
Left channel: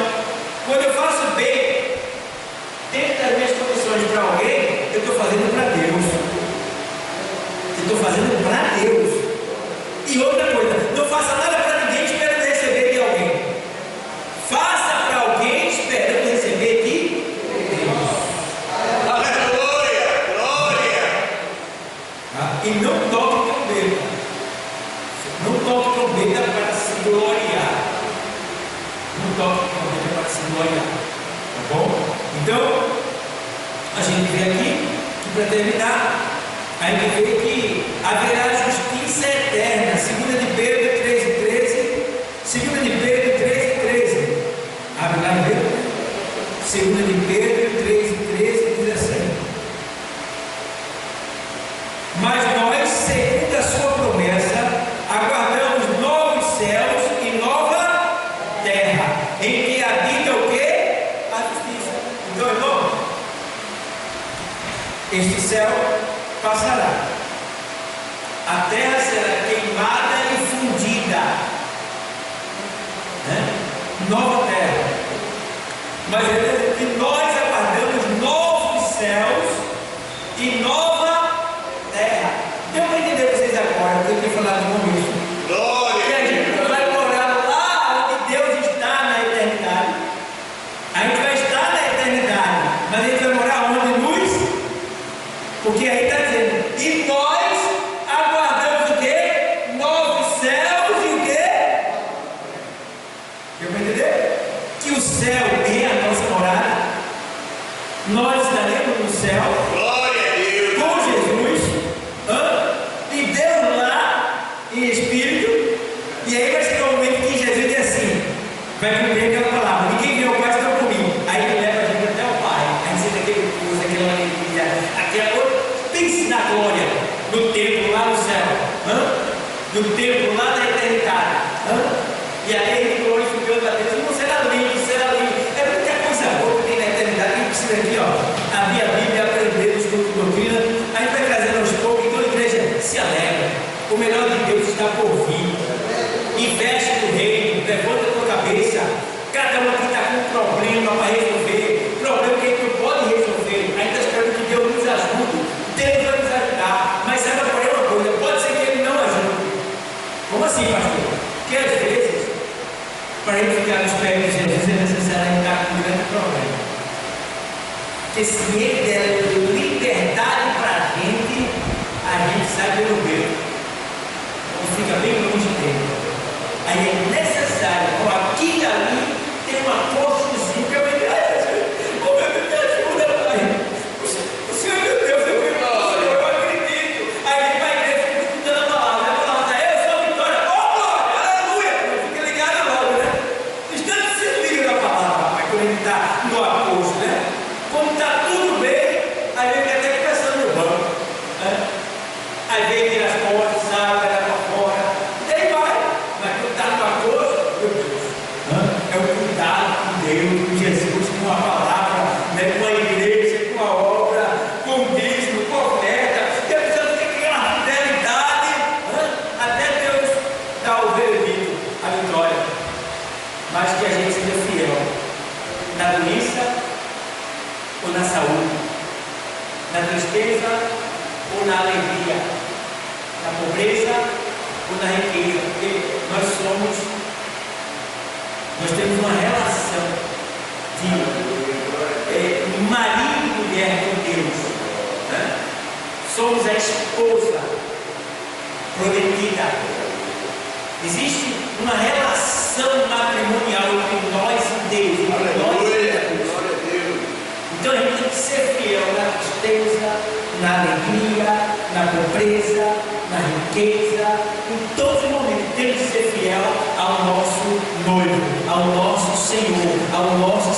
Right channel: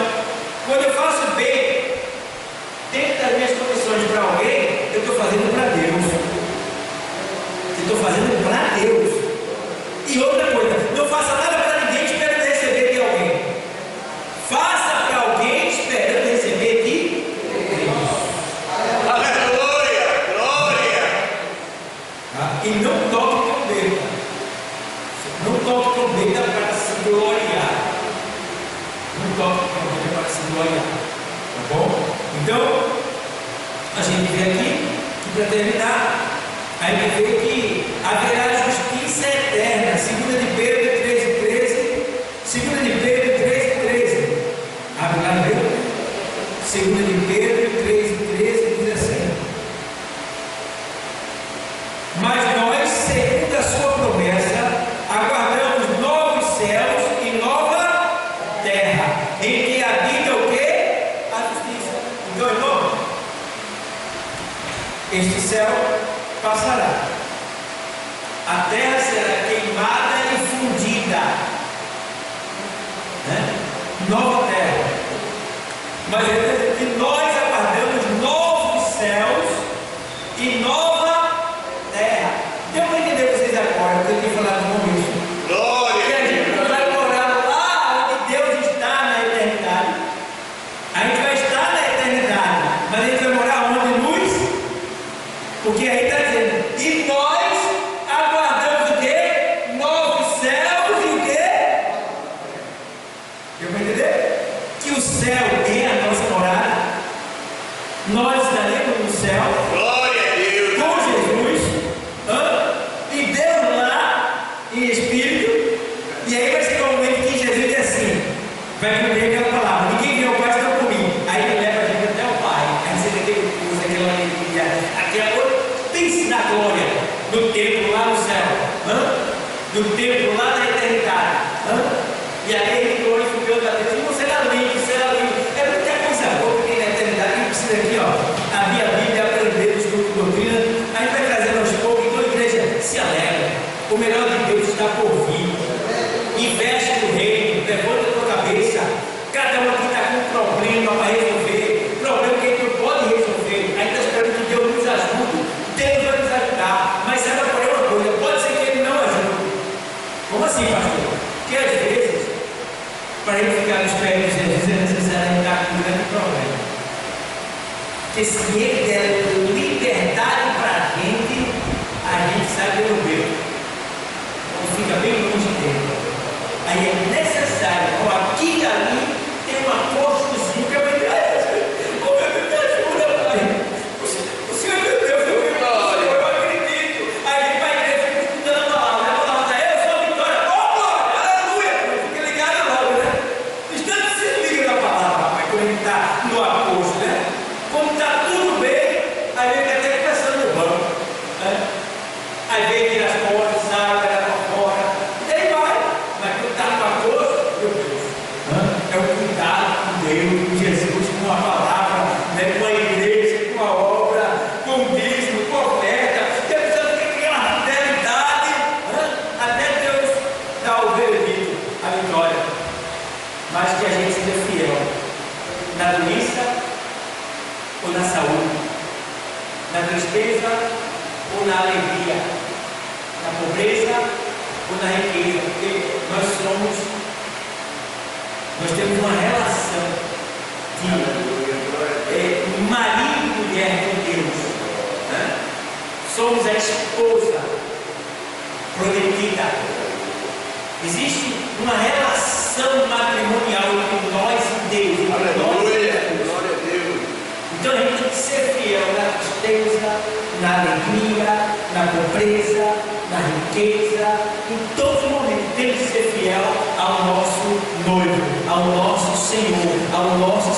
Quando eu faço bem dentro das minhas condições para alguém, eu estou fazendo para Deus. Eu estou fazendo para Deus. E outra coisa, não faça nada para ninguém esperando receber de alguém. Faça para alguém esperando receber de Deus. Aleluia! Glória! E não toque trombeta. Não toque trombeta para se gloriar. Não toque trombeta para se gloriar. Tá bom? Então, a gente vê aqui que para terminar, a gente vê que haverá justiça eterna. 2 de Pedro 13:13. 2 de Pedro 13:13. Abre lá e vê. 2 de Pedro 13:13 diz assim: mas nós, segundo a sua promessa, aguardamos novos céus e nova terra, em que habita o quê? A justiça. Então, irmão, este céu passará, a terra será queimada e fundida, nova terra. Mas que nós aguardamos novos céus e nova terra. Eu vou entender vocês agora, porque eu tenho falado no começo. Glória! E a gente não vai morar lá onde Deus está na eternidade. A gente vai estar na eternidade, mas a gente vai morar onde? Luz? Porque aí está dizendo: e nós aguardamos o quê? Novos céus e o quê? Deu para entender? Que o céu é a nossa morada. Nós estaremos no céu. Glória a Deus! Com Jesus, e Deus lá em espírito, e aí vai chegar um momento que Jesus diz assim, vai cumprir aquela palavra: ninguém vê o Pai senão por mim. Aí ele leva a gente até o Pai. Aí você tem aquele gozo, aquela alegria, aquela. Pense na glória, no templo lá no céu, no templo lá na eternidade, e aí ele glorificando a Deus. Não será lindo, será lindo. É muita coisa boa que tem na eternidade. A gente precisa aqui, ó, para ele ficar nos pés de Jesus é necessário ele estar com um grande problema. Porque se ele der liberdade para a gente sai pelo beco, ou fica bem longe dele. Aí é necessário, aqui e ali, tem um apóstolozinho que eu vou dizer, oh meu Deus, me ajuda, pai. O Senhor, meu Deus, eu acredito. Aí ele vai crer, fica escutando a palavra, eu sou a Vitória, oh glória, aleluia. Fica ligado logo, né? Instante se liga na palavra, rapaz, quando ele está no apóstolo, né? Quando está tudo bem, aí ele está até conversando no banco, né? Aí vem, tira as portas, sai, vai lá para fora, e daí vai. Mas quando está no apóstolo, meu Deus, é o cuidado com Deus, com Jesus, com a palavra, né? Com a igreja, com a obra, com o dízimo, com a oferta, e a pessoa tem aquela fidelidade, até Deus dar o veredito, a vitória. Mas que a gente seja fiel na doença ou na saúde, na tristeza ou na alegria, na pobreza ou na riqueza, porque nós temos uma relação de marido e mulher com Deus, né? Somos a esposa prometida. Existe uma relação matrimonial entre nós e Deus, entre nós e Deus. Glória a Deus. Então a gente tem que ser fiel na tristeza, na alegria, na pobreza, na riqueza, em todos os momentos temos que ser fiel ao nosso noivo, ao nosso Senhor, ao nosso